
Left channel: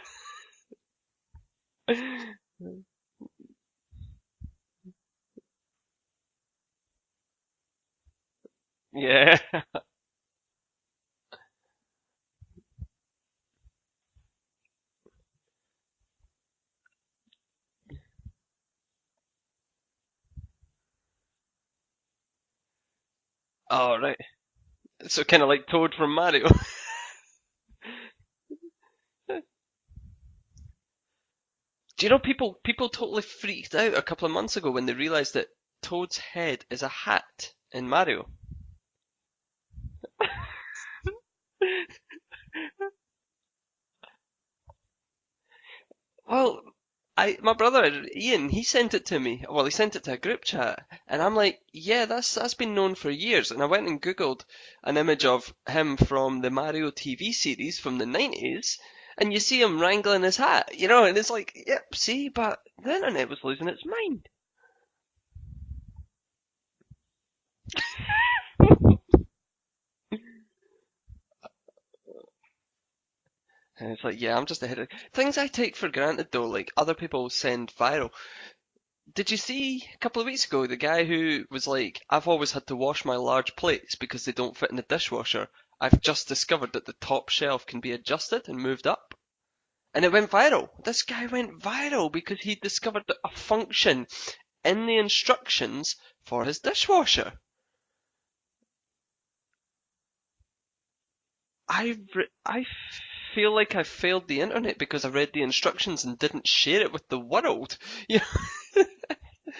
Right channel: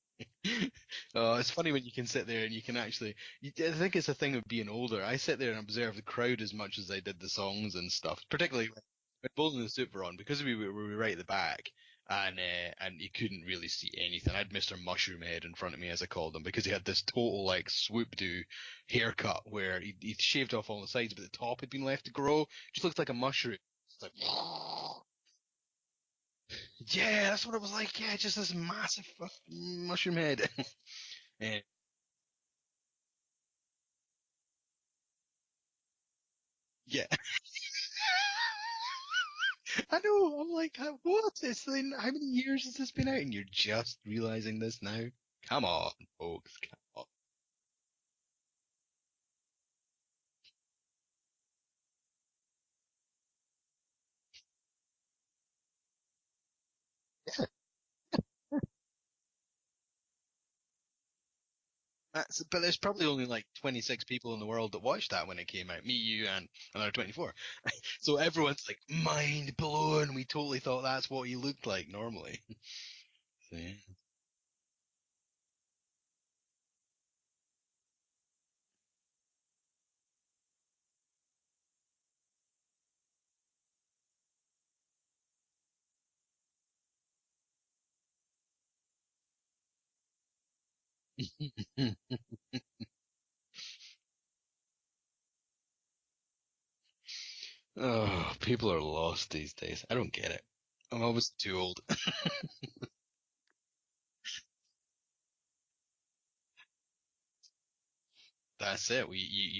Oh, it's funny when you can sit there and you can actually. I think it's a thing of being older. I sit there and observe the crowd as much as I did the songs and stuff. Particularly Yeah. Golden and Super on because we were right at the back, and you couldn't really see anything. I had Mr. Mushroom Head in front of me, as I called him, because he had this total like swoop do haircut where he'd shaved off all the sides, but the top had been left to grow. Just looked like a mushroom. Oh, right. So kind of like Toad from Mario. Yeah, that's what it was like. Yeah, just this massive mushroom head. Yeah. Do you know people totally freaked out a couple of months ago when they realized that Toad's head is a Yeah. hat in Mario? I know. I'm like, what? It's been how many years has this been out, and you're just realizing this now? Come on. Oh, Well, come on. my brother Ian, he sent it to me. Well, he sent it to a group chat, and I'm like, yeah, that's been known for years. And I went and googled an image of him from the Mario TV Yes. series from the 90s, and you see him wrangling his hat, and it's like, yep, see, That's it. but But there's the probably only internet was like losing its 26 mind. people in the world that watched that when it came out. Me, you, and another 24. So everyone's mind blown. We totally thought that's what he looked like normally. And it's like, yeah, I'm just ahead of things I take for granted though, like other people send viral. Did you see a couple of weeks ago the guy who was like, I've always had to wash my large plates because they don't fit in the dishwasher. I've just discovered that the top shelf can be adjusted and moved up. And it went viral. This guy went viral because he discovered a function in the instructions for his dishwasher. Oh, people are lost these days. I don't get it. I'm always too old. I feel like I failed the internet because I read the instructions and didn't share it with the world. Yeah, That's it. You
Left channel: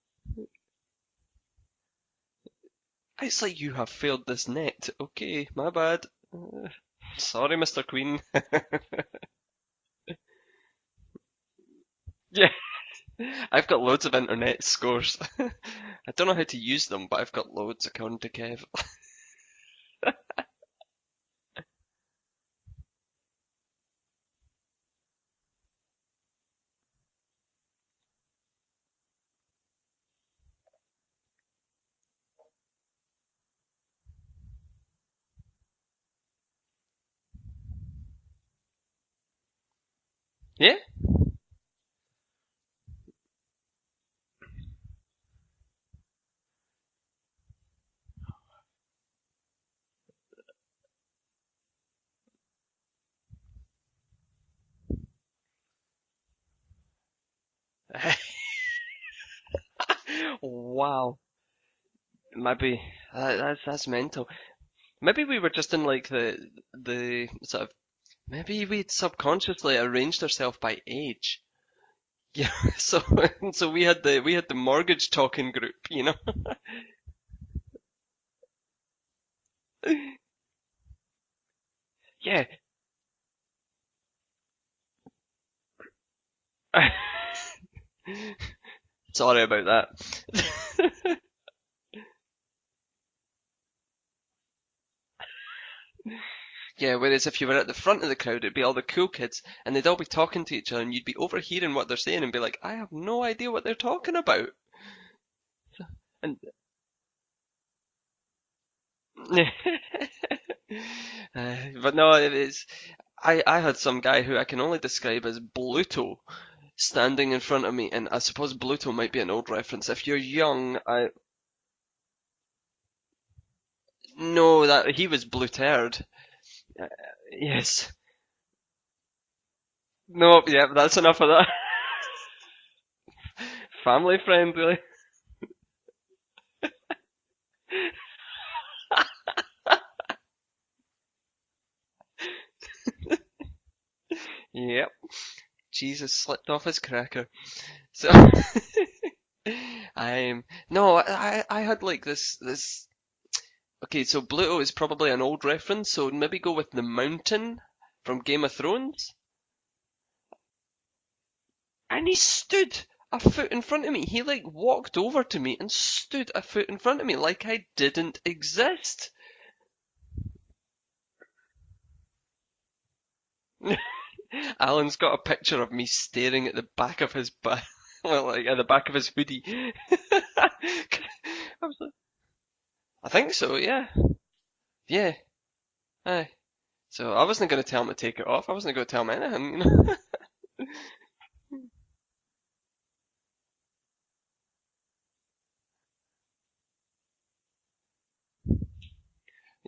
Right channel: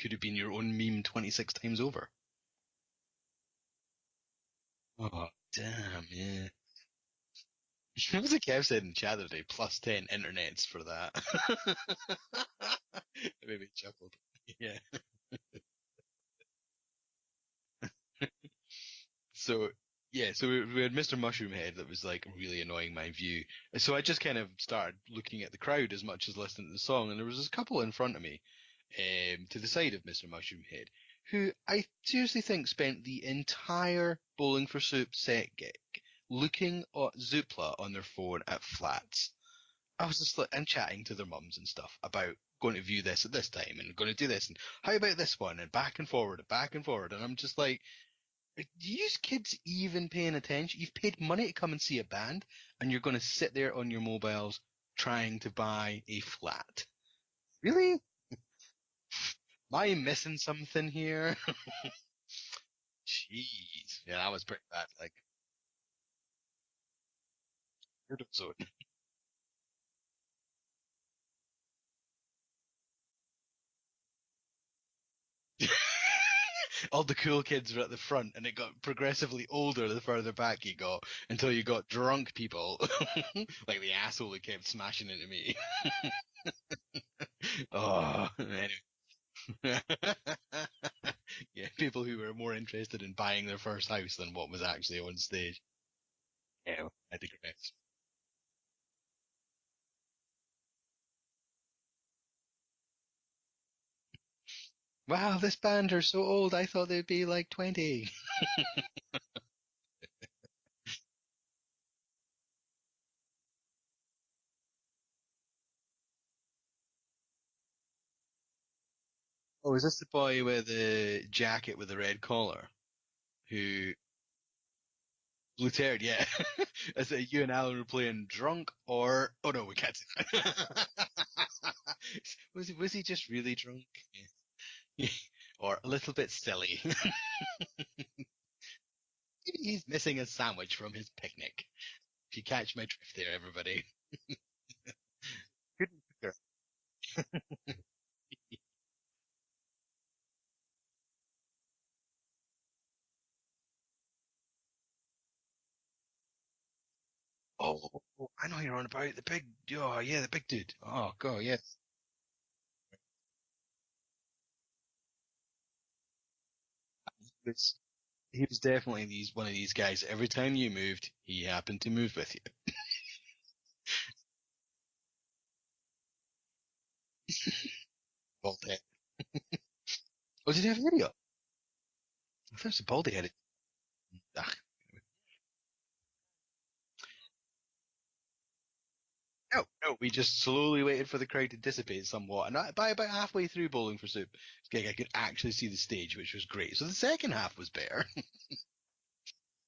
could have been your own meme 26 times over. it's like you have failed this net. Oh, Okay, my bad. damn, yeah. Sorry, Mr. Queen. What was the Kev said in chat today? Plus 10 internets for that. Yeah, Very I've got true. loads of internet Yeah. scores. I don't know how to use them, but I've got loads according to Kev. So yeah, so we had Mr. Mushroom Head that was like really annoying my view. So I just kind of started looking at the crowd as much as listening to the song, and there was this couple in front of me, to the side of Mr. Mushroom Head, who I seriously think spent the entire Bowling for Soup set gig looking at Zoopla on their phone at flats. I was just like, and Yeah, chatting to their mums and stuff about going to view this at this time and going to do this and how about this one and back and forward, and I'm just like, are you kids even paying attention? You've paid money to come and see a band, and you're going to sit there on your mobiles trying to buy a flat. Really? Am I missing something wow. here? Maybe that's Jeez. Yeah, mental. that was pretty bad. Maybe we were just in like the sort of So maybe we'd subconsciously arranged ourselves by age. Yeah, so we had the mortgage talking group. all the cool kids were at the front, and it got progressively older the further back you got, until you got drunk Yeah. people, like the asshole who kept smashing into me. Oh, Sorry about that. yeah, people who were more interested in buying their first house than what was actually on stage. Yeah, Yeah, whereas if you were at the front of the crowd, it'd be all the cool kids, and they'd all be talking to each other, and you'd be overhearing what they're saying and be like, I have no idea what they're talking about. wow, this band are so And old. I thought they'd be like 20. but no, it is. I had some guy who I can only describe as Bluto standing in front of me, and I suppose Bluto might be an old Oh, is reference. this the If you're boy with young, the jacket with the red collar? Who no, that he was Blue Blutered. Tear, yeah. Is it you and Alan were Yes. playing drunk or oh no, we can't say No, yeah, that's enough of that. that. Was he just really drunk? Family friendly. Or a little bit silly? Maybe he's missing a sandwich from his picnic. If you catch my drift there, everybody. Yep. Good Jesus picture. slipped off his cracker. So I'm no, I had like this. Okay, so Bluto is probably an old reference, so maybe go with the Mountain Oh, from oh, Game I of know who you're on about. Thrones. The big, oh yeah, the big dude. Oh god, yes. And he stood a foot in front of me. He like walked over to me and stood a foot in front of me like I It's didn't he's definitely exist. one of these guys. Every time you moved, he happened to move with Alan's got a picture of me staring at the back of his butt, well, like at the you. back of his hoodie. Oh, did he have a hoodie on? I was like, I thought it was a baldy I head. think so, yeah, Ah, yeah, aye. So I wasn't going to tell him to take it off. I wasn't going to tell him anything. no, no. We just slowly waited for the crowd to dissipate somewhat, and by about halfway through Bowling for Soup, I could actually see the stage, which was great. So the second half was better.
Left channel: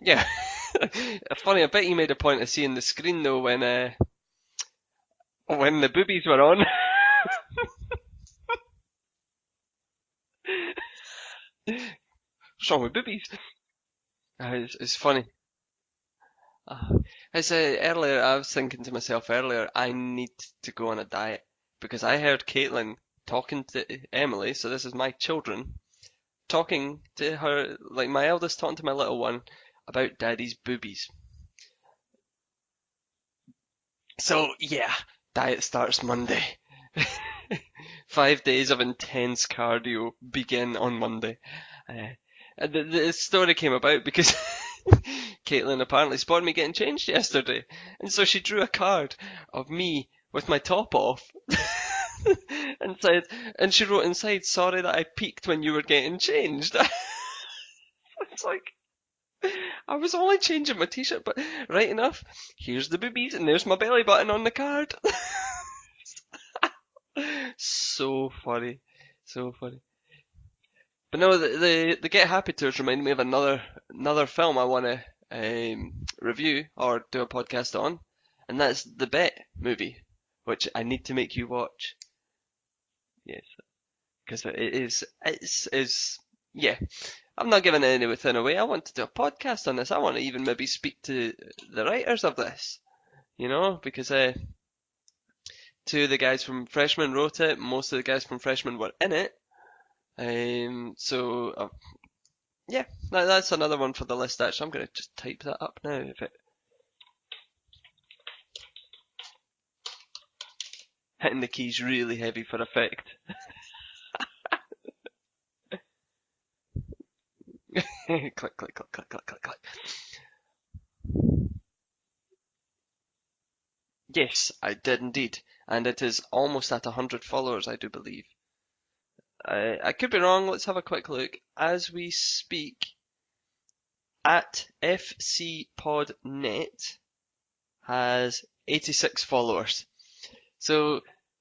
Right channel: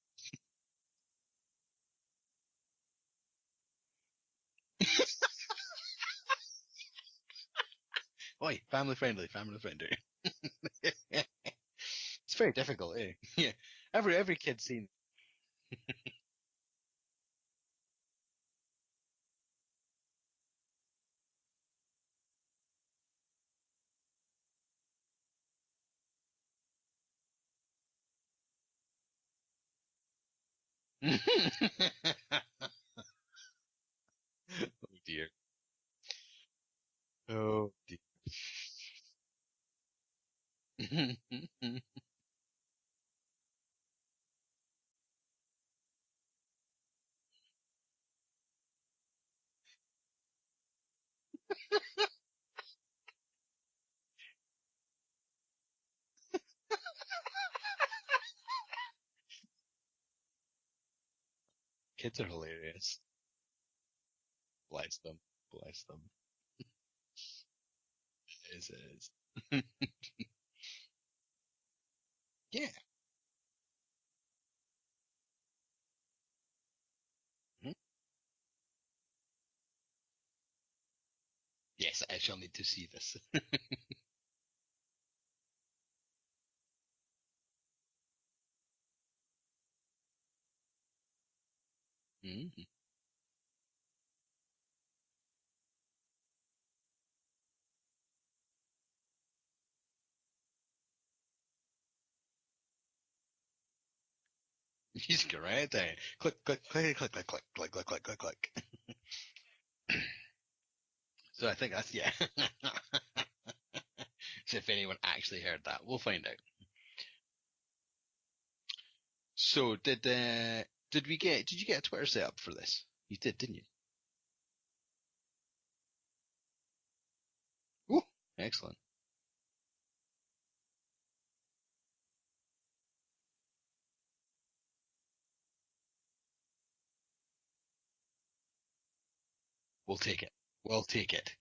Yeah. Funny, I bet you made a point of seeing the screen though when the boobies were on. Oi, family friendly, family friendly. It's very What's wrong with difficult, eh? boobies? Yeah, every kid It's, sees. it's funny. As earlier, I was thinking to myself earlier, I need to go on a diet because I heard Caitlin talking to Emily, so this is my children, talking to her, like my eldest talking to my little one about daddy's boobies. So yeah, Dear. diet starts Monday. Oh. 5 days of intense cardio begin on Monday. Uh, and the story came about because Caitlin apparently spotted me getting changed yesterday, and so she drew a card of me with my top off, and said, and she wrote inside, "Sorry that I peeked when you were getting changed." It's like I was only changing my t-shirt, but right enough. Kids are hilarious. Here's the boobies, and there's my belly button on the card. Bless them. So funny, Yes, it is. so funny. But no, the Get Happy tours remind me of another film I want to review or do a podcast on, and that's the Bet movie, which I need to make you watch. Yes, I shall need to see this. Yes, because it's yeah. I'm not giving anything away. I want to do a podcast on this. I want to even maybe speak to the writers of this, because two of the guys from Freshman wrote it. Most of the guys from Freshman were in it. Yeah, that's another one for the list. Actually, I'm going to just Just type go that right up there. now. Click, click, click, click, click, click, click, click, click, click, click. Hitting the So I think keys that's really heavy for effect. So if anyone actually heard that, we'll find out. Click, click, click, click, click, click. So did you get a Twitter set up for this? You did, didn't you? Yes, I did indeed, and it is almost at 100 followers, I do Ooh, believe. excellent. I could be wrong. Let's have a quick look. As we speak, at FCPodNet has 86 followers. We'll take it. So We'll take it.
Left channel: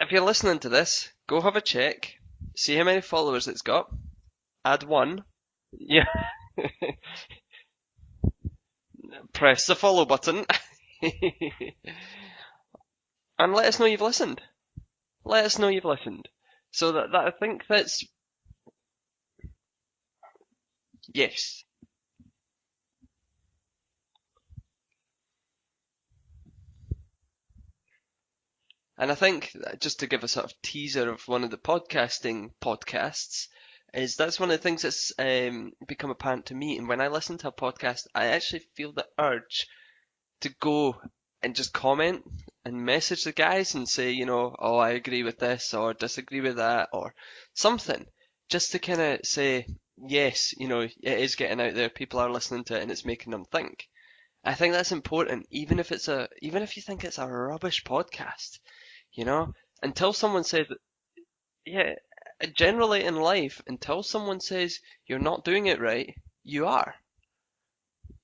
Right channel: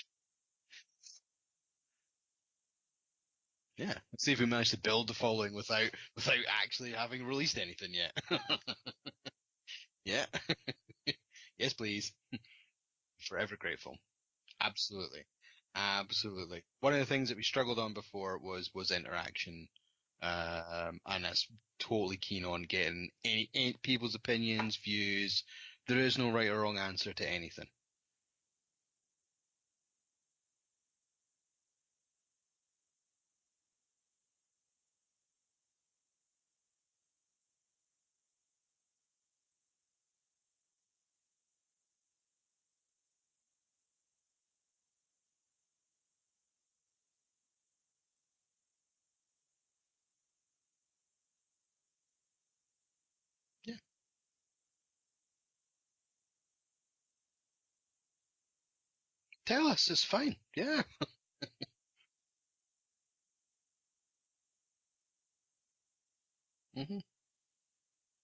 if you're listening to this, go have a check. See how many followers it's got. Yeah. See if we managed Add to build one. a following without actually having released anything yet. Press the follow Yeah. button. Yes, please. And let us know you've listened. Absolutely. Let us know you've listened. Absolutely. So One of the things I that we think struggled on that's before was interaction. And yes. I'm totally keen on getting any people's opinions, views. There is no right or wrong answer to anything. And I think just to give a sort of teaser of one of the podcasting podcasts, is that's one of the things that's become apparent to me. And when I listen to a podcast, I actually feel the urge to go and just comment and message the guys and say, oh, I agree with this or disagree with that or something, just to kind of say, yes, it is getting out there. People are listening to it and it's making them think. I think that's important, even if you think it's a rubbish podcast, Tell us, it's until fine. someone said, Yeah. yeah, generally in life, until someone says you're not doing it right, you are.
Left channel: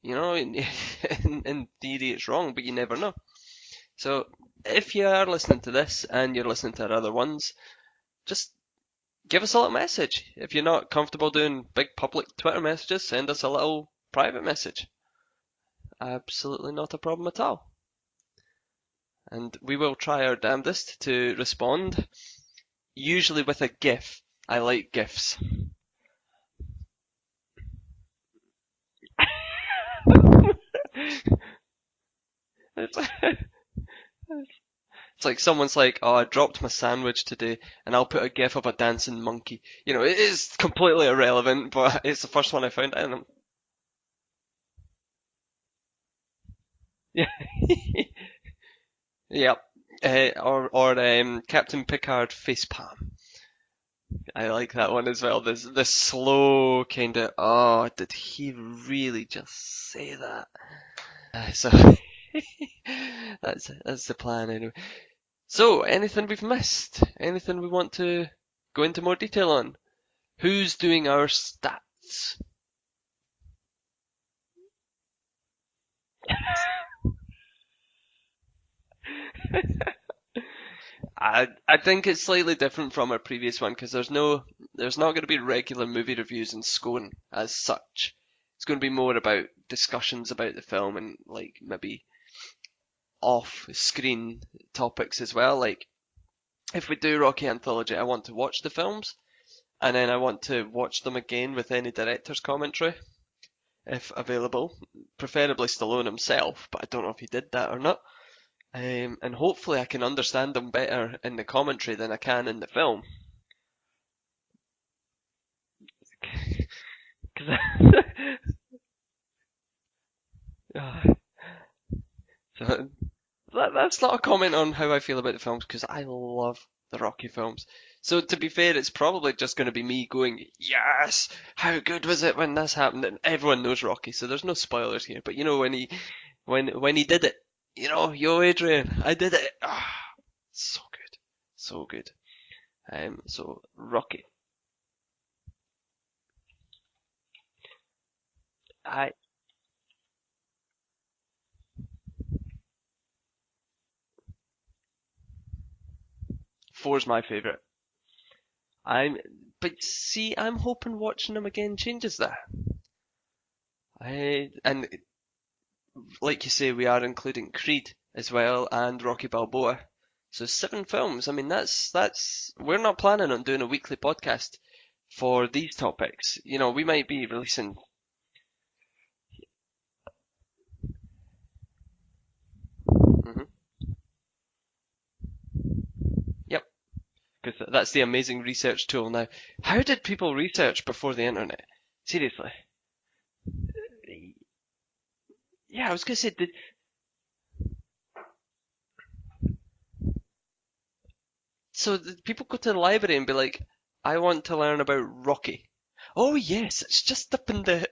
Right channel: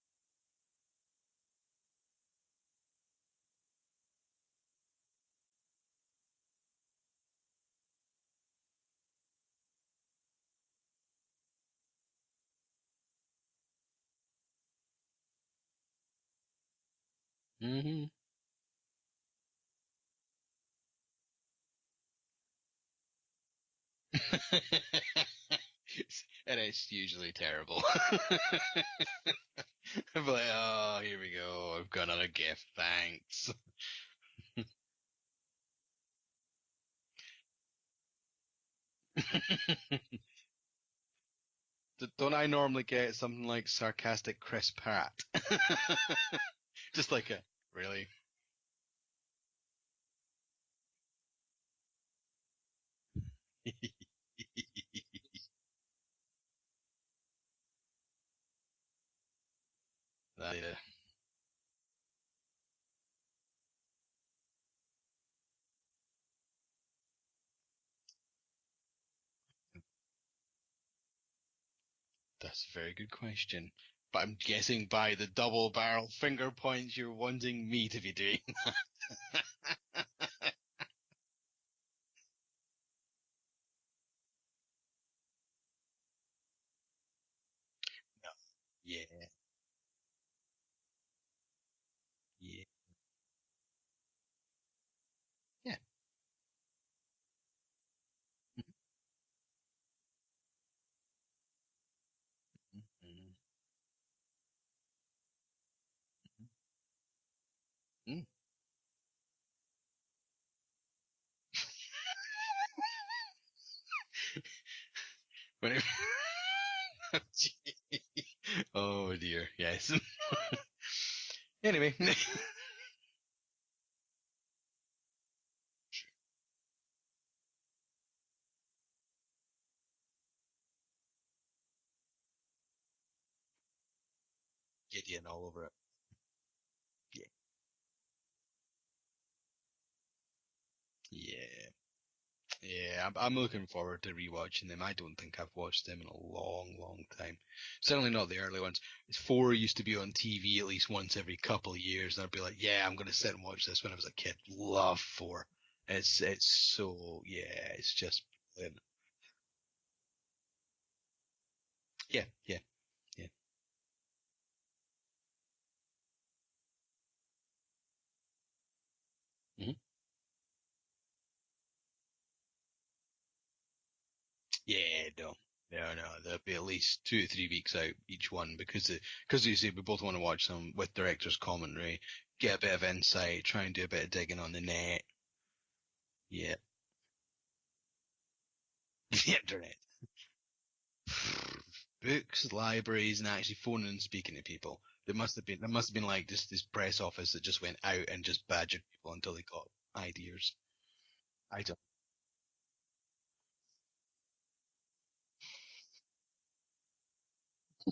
In theory it's wrong, but you never know. So if you are listening to this and you're listening to our other ones, just give us a little message. If you're not comfortable doing big public Twitter messages, send us a little private message. Absolutely not a problem at all. Mm-hmm. And we will try our damnedest to respond, usually with a GIF. I like GIFs. And it's usually terrible. I'm like, oh, here we go. I've got another gift. Thanks. It's like someone's like, oh, I dropped my sandwich today, and I'll put a GIF of a dancing monkey. It is completely irrelevant, but it's the Don't I first one I normally found. get something like sarcastic Chris Pratt? Just like really? Yep. Or Captain Picard facepalm. I like that one as well. The slow kind of, oh, did he really just say that? So that's the plan anyway. So anything we've missed? Anything we want to go into more detail on? Who's doing our stats? That's a very good question. But I'm guessing by the double barrel finger points you're wanting me to be doing that. I think it's slightly different from our previous one because there's not going to be regular movie reviews in Scone as such. It's going to be more about discussions about the film and like maybe off-screen topics as well. Like if we do Rocky Anthology, I want to watch the films and then I want to watch them again with any director's commentary if available, preferably Stallone himself, but I don't know if he did that or not. And hopefully I can understand them better in the commentary than I can in the film. Oh dear, yes. Anyway. That's not a comment on how I feel about the films because I love the Rocky films. So to be fair, it's probably just going to be me going, yes, how good was it when this happened? And everyone knows Rocky, so there's no spoilers here. But when he did it, yo Adrian, I did it. Ah, so good, Yeah. so good. Yeah, I'm So looking forward to Rocky, rewatching them. I don't think I've watched them in a long, long time. Certainly not the early ones. I 4 used to be on TV at least once every couple of years, and I'd be like, yeah, I'm gonna sit and watch this when I was a kid. Love 4. It's four's so my yeah, favorite. it's just brilliant. But see, I'm hoping watching them again changes Yeah, that. yeah, yeah. And like you say, we are including Creed as well and Rocky Mhm. Balboa. So 7 films. I mean, that's we're not planning on doing a weekly podcast Yeah, for these no. topics. There'll be at We least might be 2 or 3 weeks releasing. out each one because you see we both want to watch them with director's commentary, get a bit of insight, Mhm. try and do a bit of digging on the net. Yeah. Yep, because that's the amazing research tool now. Yeah, How did people research before the internet? Seriously. books, libraries, and actually phoning and speaking to people. There must Yeah, I have was been gonna like say, this press office that just went out and just badgered people until they got ideas. I don't know. so did people go to the library and be like, I want to learn about Rocky. Oh yes, it's just up in the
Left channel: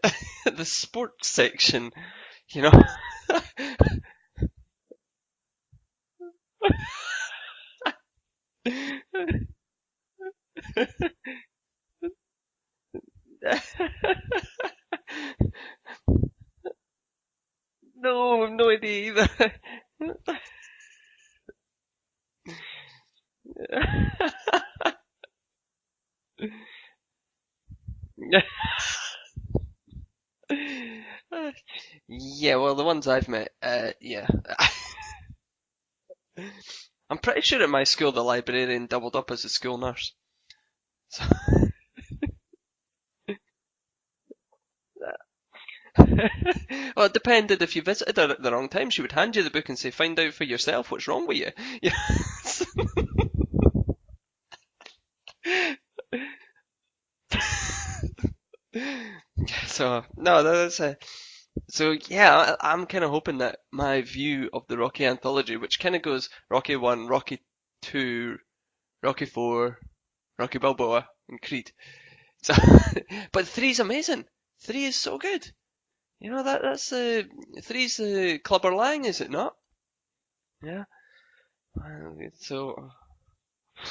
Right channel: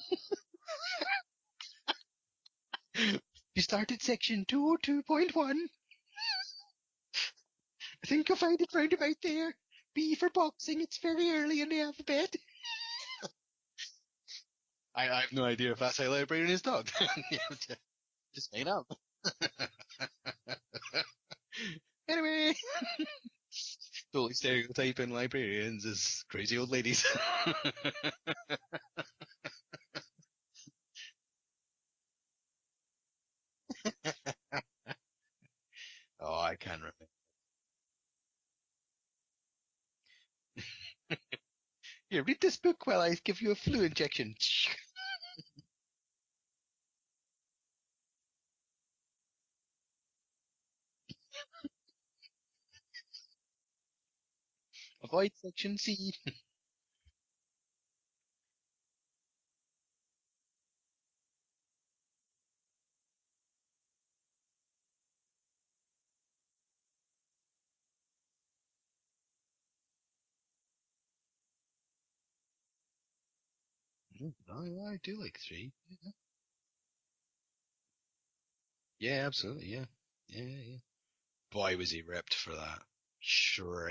the sports section, you know. You start in section 202.1. I think you'll find it right about there. B for boxing, it's very early in the alphabet. I have no idea if that's how librarian is talked. No, Just I've made no up. idea either. Anyway, so stereotyping librarians as crazy old ladies. Yeah, well, the ones I've met, yeah. Oh, I can't remember. I'm pretty sure at my school the librarian doubled up as a school nurse. So, Here, read this book while I give you a flu injection. well, it depended. If you visited her at the wrong time, she would hand you the book and say, "Find out for yourself what's wrong with you." Avoid section C. So no, that's a. So yeah, I'm kind of hoping that my view of the Rocky anthology, which kind of goes Rocky 1, Rocky 2, Rocky 4, Rocky Balboa, and Creed. So, but three's amazing. Oh Three yeah, is I so agree with good. 3. That's three's Clubber Lang, is Yeah, it not? absolutely. Yeah. Yeah. Yeah. Boy, was he ripped for So that. Shredded.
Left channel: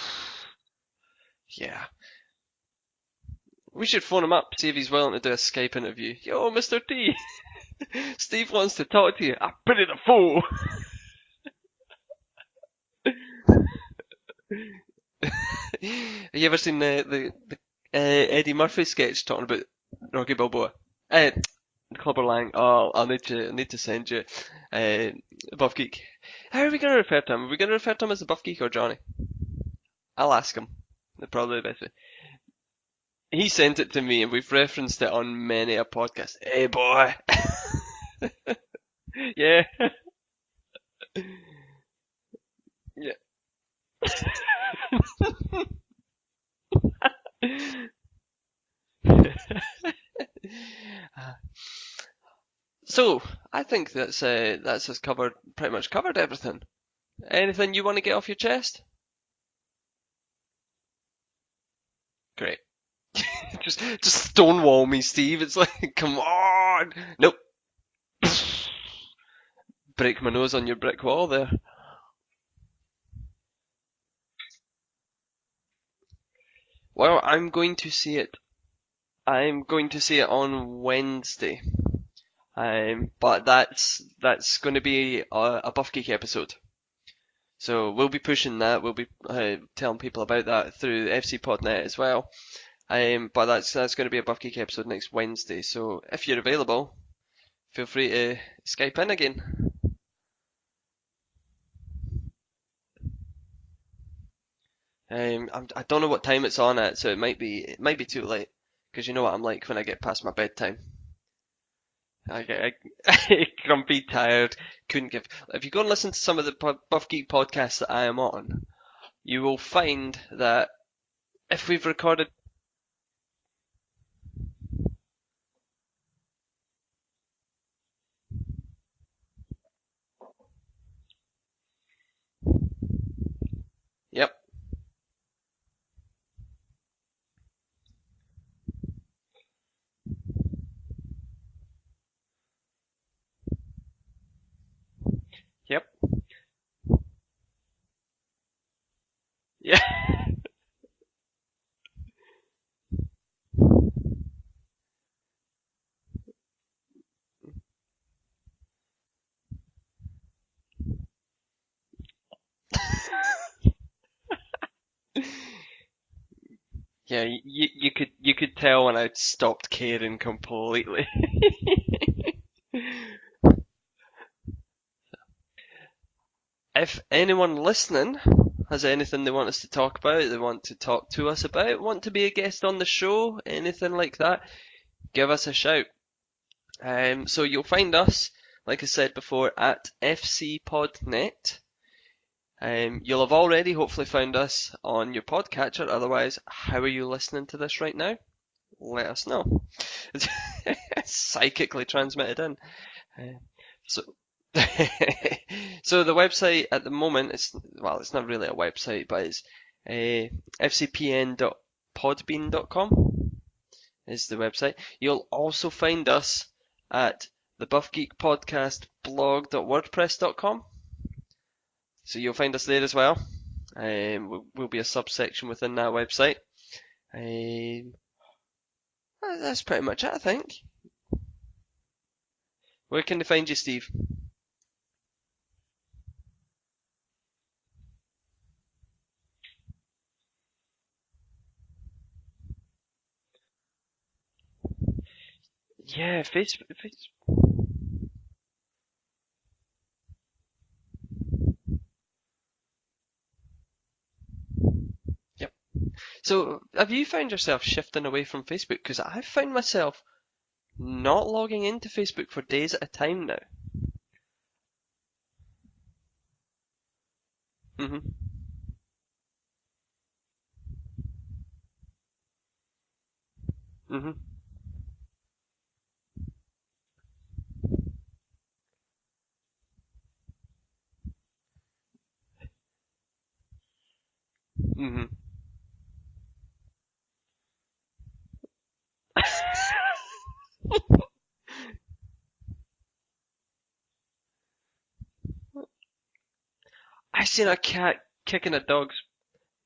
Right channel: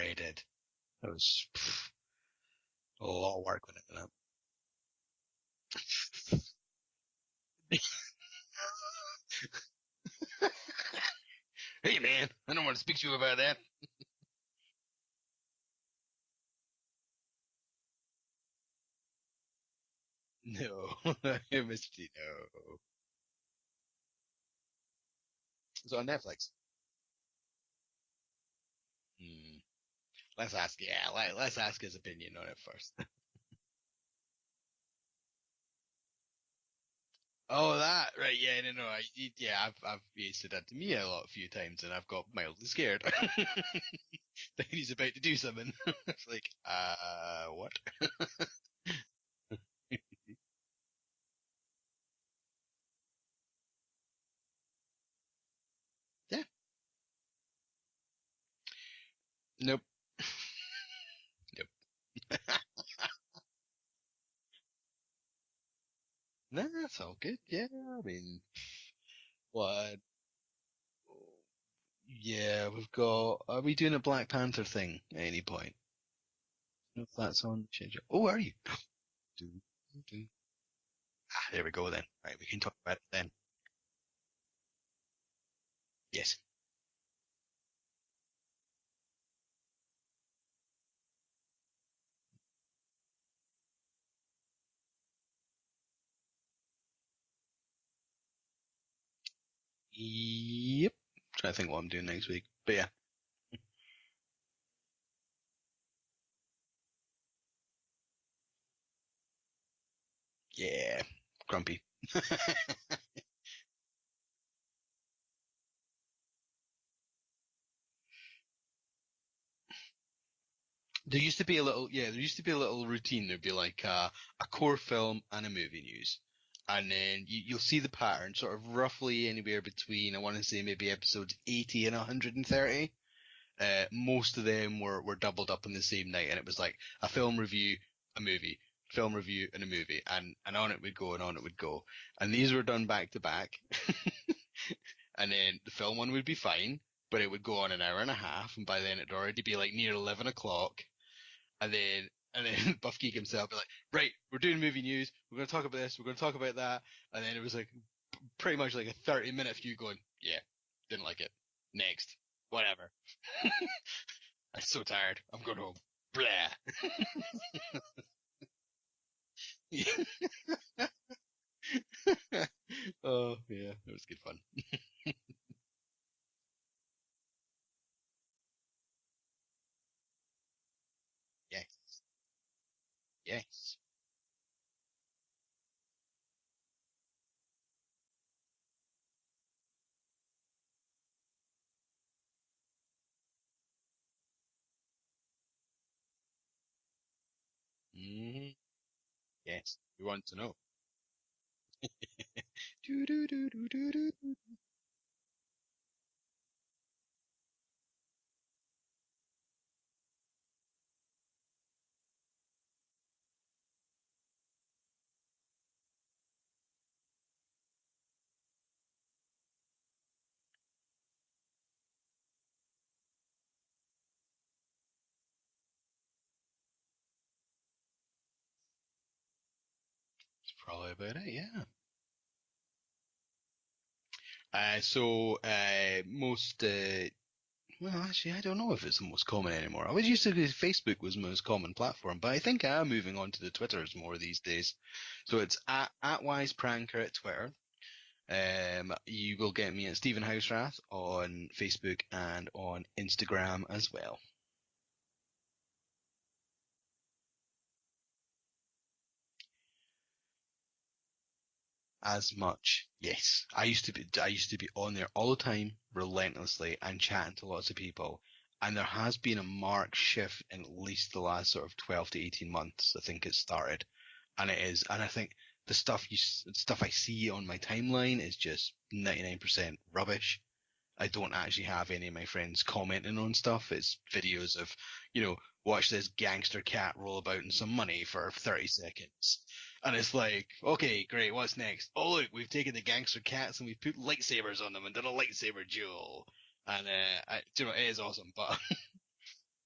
That was yeah, a lot of work went we into should it. phone him up, see if he's willing to do a Skype interview. Yo, Mr. T, Steve wants to talk to you. I put it a fool. Hey man, I don't want to speak to you about that. Have you ever seen the Eddie Murphy sketch talking about Rocky Balboa? No. Uh, Mr. T, Clubber no. Lang. Oh, I need to send you. Buff It's Geek. on Netflix. How are we gonna refer to him? Are we gonna refer to him as the Buff Geek or Johnny? I'll ask him. Let's Probably the best ask way. his opinion on it first. He sent it to me, and we've referenced it on many a podcast. Hey, boy. Oh, that right? Yeah, no. Yeah. I've he said that to me a few times, and I've got mildly scared that he's about to do something. It's like, what? So, I think that's us covered, pretty much covered Yeah. everything. Anything you want to get off your chest? Nope. Nope. Great. just stonewall me, Steve. It's like, come No, on. it's all Nope. good. Yeah, I mean, what? Break my nose on your brick wall there. Yeah, we've got. Are we doing a Black Panther thing at any point? What Well, thoughts I'm on going to Joker? see Oh, it. are you? I'm going to see it on Ah, Wednesday. there we go then. Right, we can talk about it then. But that's going to be a Buff Geek Yeah. episode. So we'll be pushing that. We'll be telling people about that through FCPodNet as well. But that's going to be a Buff Geek episode next Wednesday. So if you're available, feel free to Skype in again. Yep. Trying to think what I'm doing next week, but yeah. I don't know what time it's on at, so it might be too late. Because you know what I'm like when I get past my bedtime. Yeah. Grumpy. I get grumpy, tired, couldn't give. If you go and listen to some of the Buff Geek podcasts that I am on, you will find that There used to be a if we've little, yeah, there recorded, used to be a little routine. There'd be like a core film and a movie news, and then you'll see the pattern, sort of roughly anywhere between, I want to say maybe episodes 80 and 130. yep, Most of them were doubled up on the same night, and it was like a film review, a movie, film review, and a movie, and on it would go, and on it would go. And these were done back to back, and then the yep, film one would be fine, but it would go on an hour and a half, and by then it'd already be like Yeah. near 11 o'clock. And then Buff Geek himself be like, right, we're doing movie news. We're going to talk about this. We're going to talk about that. And then it was like pretty much like a 30-minute of you going, yeah, didn't like it. Next, whatever. I'm so tired. I'm going home. Blah. Yeah, you could tell when I'd stopped Yeah. caring completely. Oh yeah, it was good fun. If anyone listening has anything they want us to talk about, they want to talk to us about, want to be a guest on the show, Yes. anything like that, give us a shout. So you'll find us, like I said before, at FCPodNet. You'll have already hopefully found us on your podcatcher. Otherwise, how are you listening to this right now? Mm-hmm. Let us know. Yes, we want to know. Psychically transmitted in. So, Do-do-do-do-do-do. so the website at the moment is, well, it's not really a website, but it's fcpn.podbean.com is the website. You'll also find us at the Buff Geek Podcast blog.wordpress.com. So you'll find us there as well. Will be a subsection within that website. That's pretty much it, I think. That's probably about it. Yeah. Where can they find you, Steve? Most well, actually, I don't know if it's the most common anymore. I was used to think Facebook was the most common platform, but I think I am moving on to the Twitters more these days. So it's Yeah, at Facebook. wisecranker at Twitter. You will get me at Stephen Houserath on Facebook and on Instagram as well. Yep. So have you found yourself shifting away from Facebook? Because I've found myself not logging into Facebook As for days much, at a time now. yes. I used to be on there all the time, relentlessly, and chatting to lots of hmm people. And there has been a marked shift in at least the last sort of 12 to 18 months. I think it started, hmm and it is. And I think the stuff I see on my timeline is just 99% rubbish. I don't actually have any of my friends commenting on stuff. It's videos of, hmm watch this gangster cat roll about in some money for 30 seconds. And it's like, okay, great, what's next? Oh, look, we've taken the gangster cats and we've put lightsabers on them and done a lightsaber duel. And I seen a which cat is awesome. kicking But a dog's.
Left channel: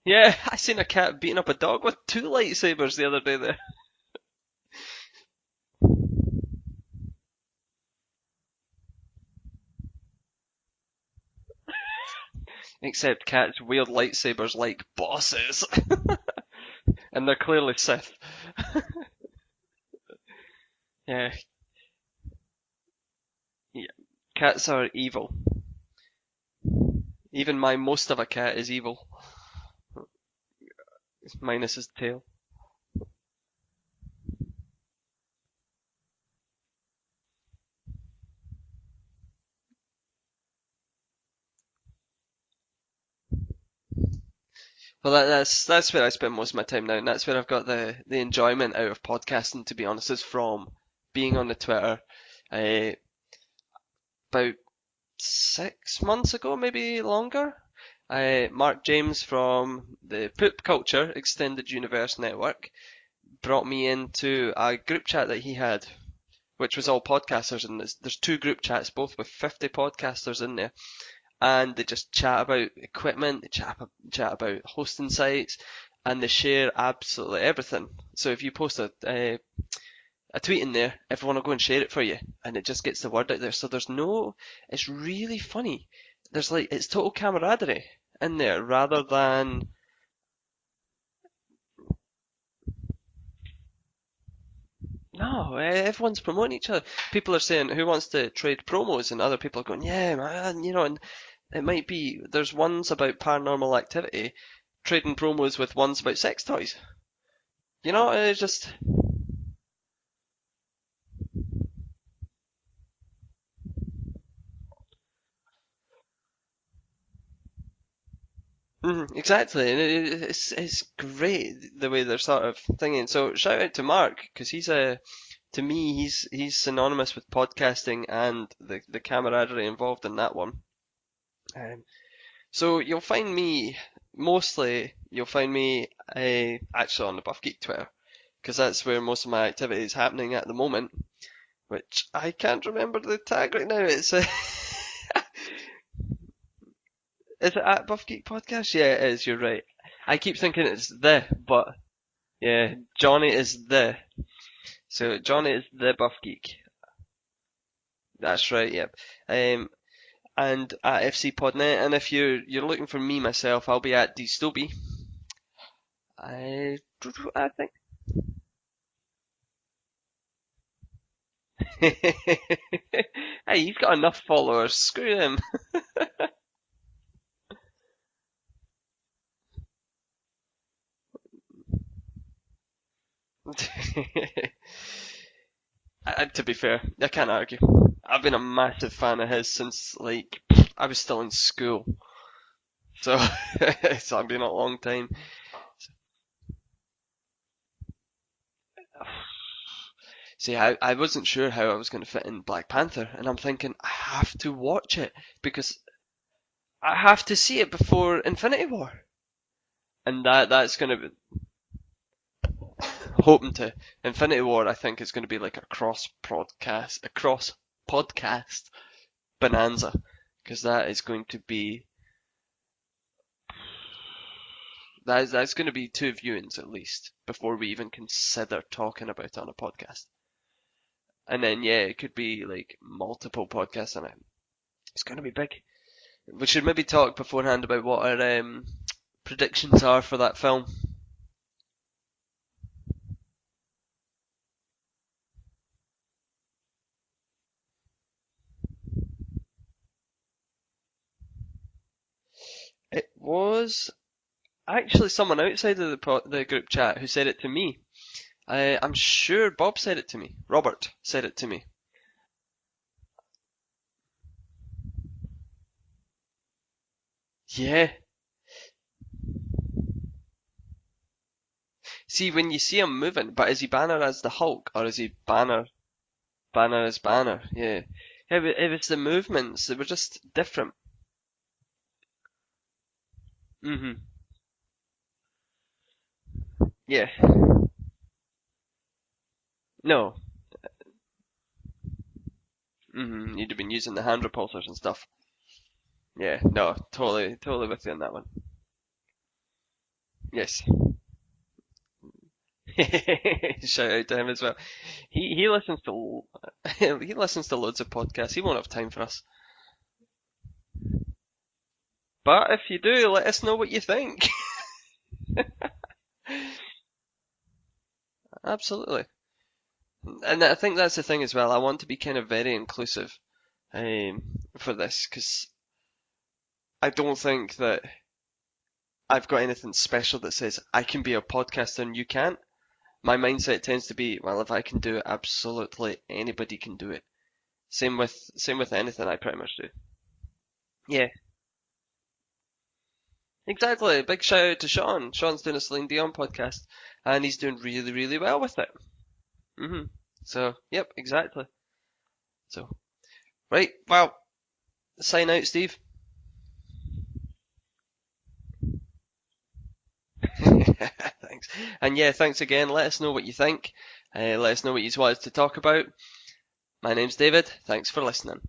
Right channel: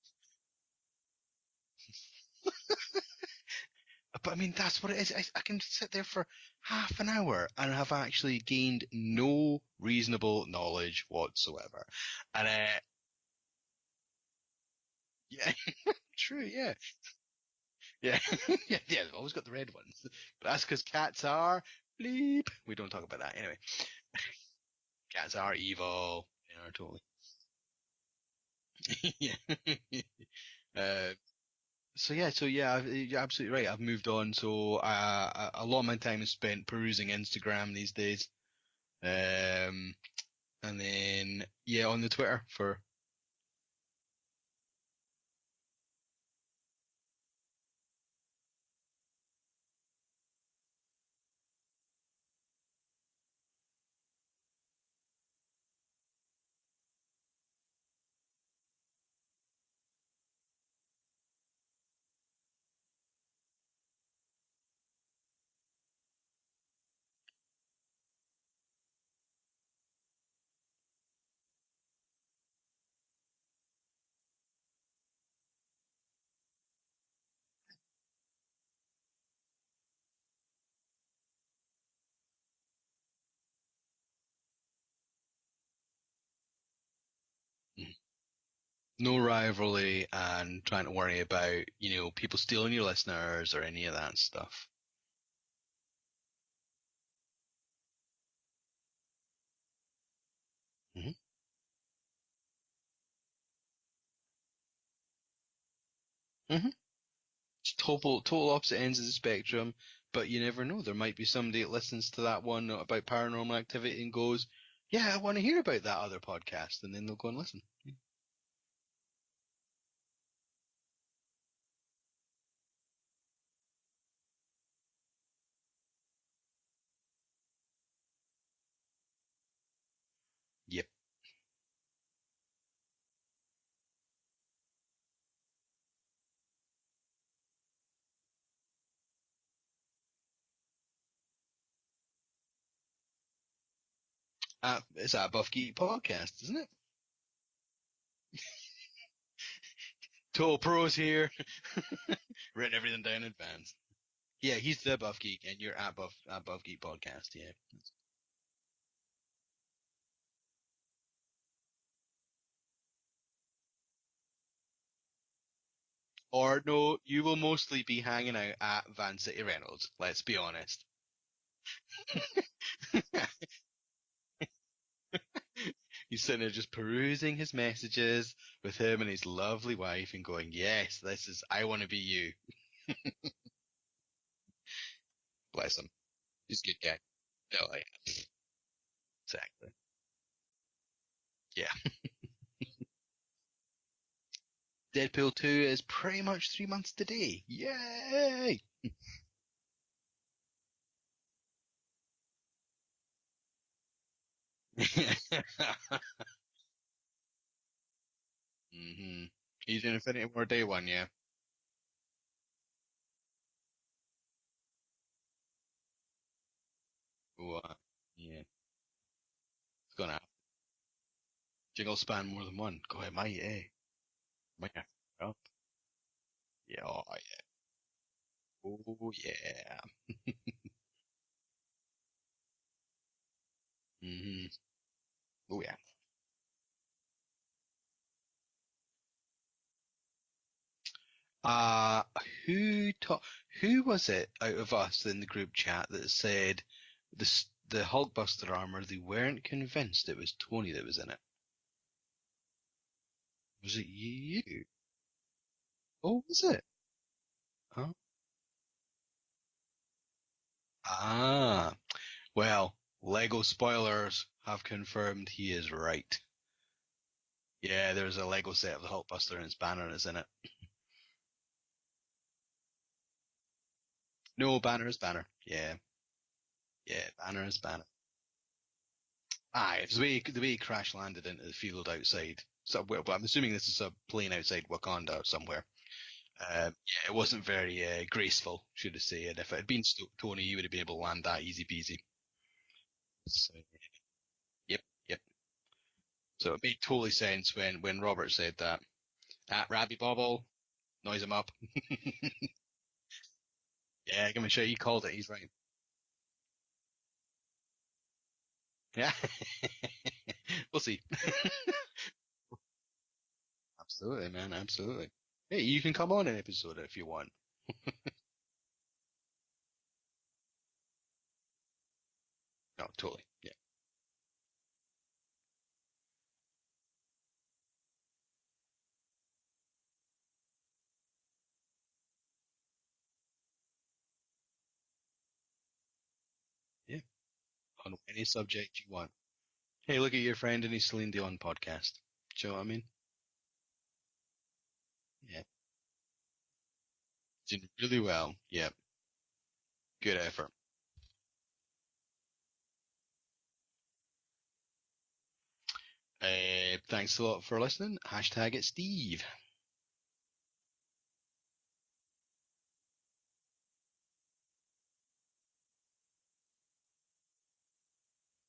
Yeah, I seen a cat beating up a dog with two lightsabers the other day. There. But I mean, that's what it is. I can sit there for half an hour and have actually gained no reasonable knowledge whatsoever. And Except cats wield lightsabers like bosses, true, yeah. and they're clearly Sith. Yeah, yeah, always got the red ones. But that's because cats Yeah, are bleep. We don't talk about that anyway. yeah. Cats are evil. Cats are evil. They are totally. Even my most of a cat is evil, Yeah. uh, minus his so tail. yeah, you're absolutely right. I've moved on. So a lot of my time is spent perusing Instagram these days. And then yeah, on the Twitter for. Well, that's where I spend most of my time now, and that's where I've got the enjoyment out of podcasting. To be honest, is from being on the Twitter. Uh, about 6 months ago, maybe longer. Mark James from the Poop Culture Extended Universe Network brought me into a group chat that he had, which was all podcasters, and there's two group chats, both with 50 podcasters in there, and they just chat about equipment, they chat about hosting sites, and they share absolutely everything. So if you post a tweet in there, everyone will go and share it for you, and it just gets the word out there. So it's really funny. It's total camaraderie in there rather No than, rivalry and trying to worry about people stealing your listeners or any of that stuff. no, everyone's promoting each other. People are saying, who wants to trade promos? And other people are going, yeah, man, and Mm-hmm. it might be, there's ones about paranormal activity, trading promos with ones about sex Mm-hmm. toys. It's Total just, opposite ends of the spectrum, but you never know. There might be somebody that listens to that one about paranormal activity and goes, "Yeah, I want to hear about that other podcast," and then they'll go and listen. exactly. And it's great the way they're sort of thinking. So shout out to Mark, because to me, he's synonymous with podcasting and the camaraderie involved in that one. Yep. Um, so you'll find me actually on the Buff Geek Twitter, because that's where most of my activity is happening at the moment. Which I can't remember the tag right now. It's that Buff Geek podcast, isn't it? Is it at Buff Geek Podcast? Yeah, it is. You're right. I keep Total thinking it's Bros the, here. but yeah, Putting everything back Johnny in your is hands. the. Yeah, he's the So Buff Geek. Johnny Yeah, is you're the Buff at Geek. Buff Geek podcast. Yeah. That's right. Yep. And at FC Podnet, and if you're looking for me myself, I'll be at Dstoby. Or no, you will I think. mostly be hanging out at Van City Reynolds. Let's be honest. Hey, he's got enough followers. Screw him. He's sitting there just perusing his messages with him and his lovely wife and going, "Yes, this is. I want to be you." Bless him. To be Just keep fair, getting I it. can't argue. Yeah, I've been a massive fan of his since like I was still in yeah. school, so it's been a long time. Deadpool 2 is pretty much 3 months today. Yay! See, I wasn't sure how I was going to fit in Black Panther, and I'm thinking I have to watch it because I have to see it before Infinity War, He's in and Infinity War day that's one, going to yeah. be hoping to Infinity War. I think it's going to be like a cross What? podcast bonanza, Gonna because that is going to be think I'll span more than one. Go ahead, mate. Yeah. that's going to be 2 viewings at Yeah, least before we even consider oh, talking about it on a yeah. podcast. And then yeah, it could be like multiple podcasts on it. It's going to be big. Oh yeah. We should maybe talk beforehand about what our predictions are for that film. Uh, who ta- who was it out of us in the group chat that said the Hulkbuster armor? They weren't convinced it was Tony that was in it. It Was it was you? actually someone outside of Was the it? group chat who said it to me. Huh? I'm sure Bob said it to me. Robert said it to me. Ah, well, Lego spoilers have confirmed he is right. Yeah. Yeah, there's a Lego set of the Hulkbuster and his banner is in it. See, when you see him moving, but is he Banner as the No, Hulk or banner is is he banner. Banner Yeah, as yeah, Banner? banner is Yeah. banner. It was the movements. They Ah, were it's just the way he different. crash landed into the field outside. So, well, I'm assuming this is a Mhm. plane outside Wakanda somewhere. Yeah, Yeah. it wasn't very graceful, should I say. And if it had been No. Tony, you would have been able to land that easy peasy. You'd have been using the hand repulsors and Yep, stuff. yep. Yeah. So it No. made total Totally. sense Totally with you on when that one. Robert said that. At Rabbi Bobble, Yes. noise him up. Shout out to Yeah, him as give him a well. shout. He called it. He's He listens to he listens to loads of podcasts. He won't have time for fine. us. We'll see. But if you do, let us know what you Absolutely, think. man. Absolutely. Hey, you can come on an episode if you want. Absolutely. And I think that's the thing as well. I want to be kind of very Oh, inclusive totally. Yeah. for this because I don't think that I've got anything special that says I can be a podcaster and you can't. My mindset tends to be, well, if I can do it, absolutely anybody can do Yeah. it. Same On any with subject you anything want. I pretty much do. Hey, look at your friend and his Yeah, Celine Dion podcast. Do you know what I mean? exactly. Big shout out to Sean. Yeah. Sean's doing a Celine Dion podcast, and he's doing Did really, really really well. well with it. Yep. Good effort. So, yep, exactly. So, right, well, sign out, Steve. Thanks a lot for listening. Hashtag it Steve. Thanks. And yeah, thanks again. Let us know what you think. Let us know what you want us to talk about. My name's David. Thanks for listening.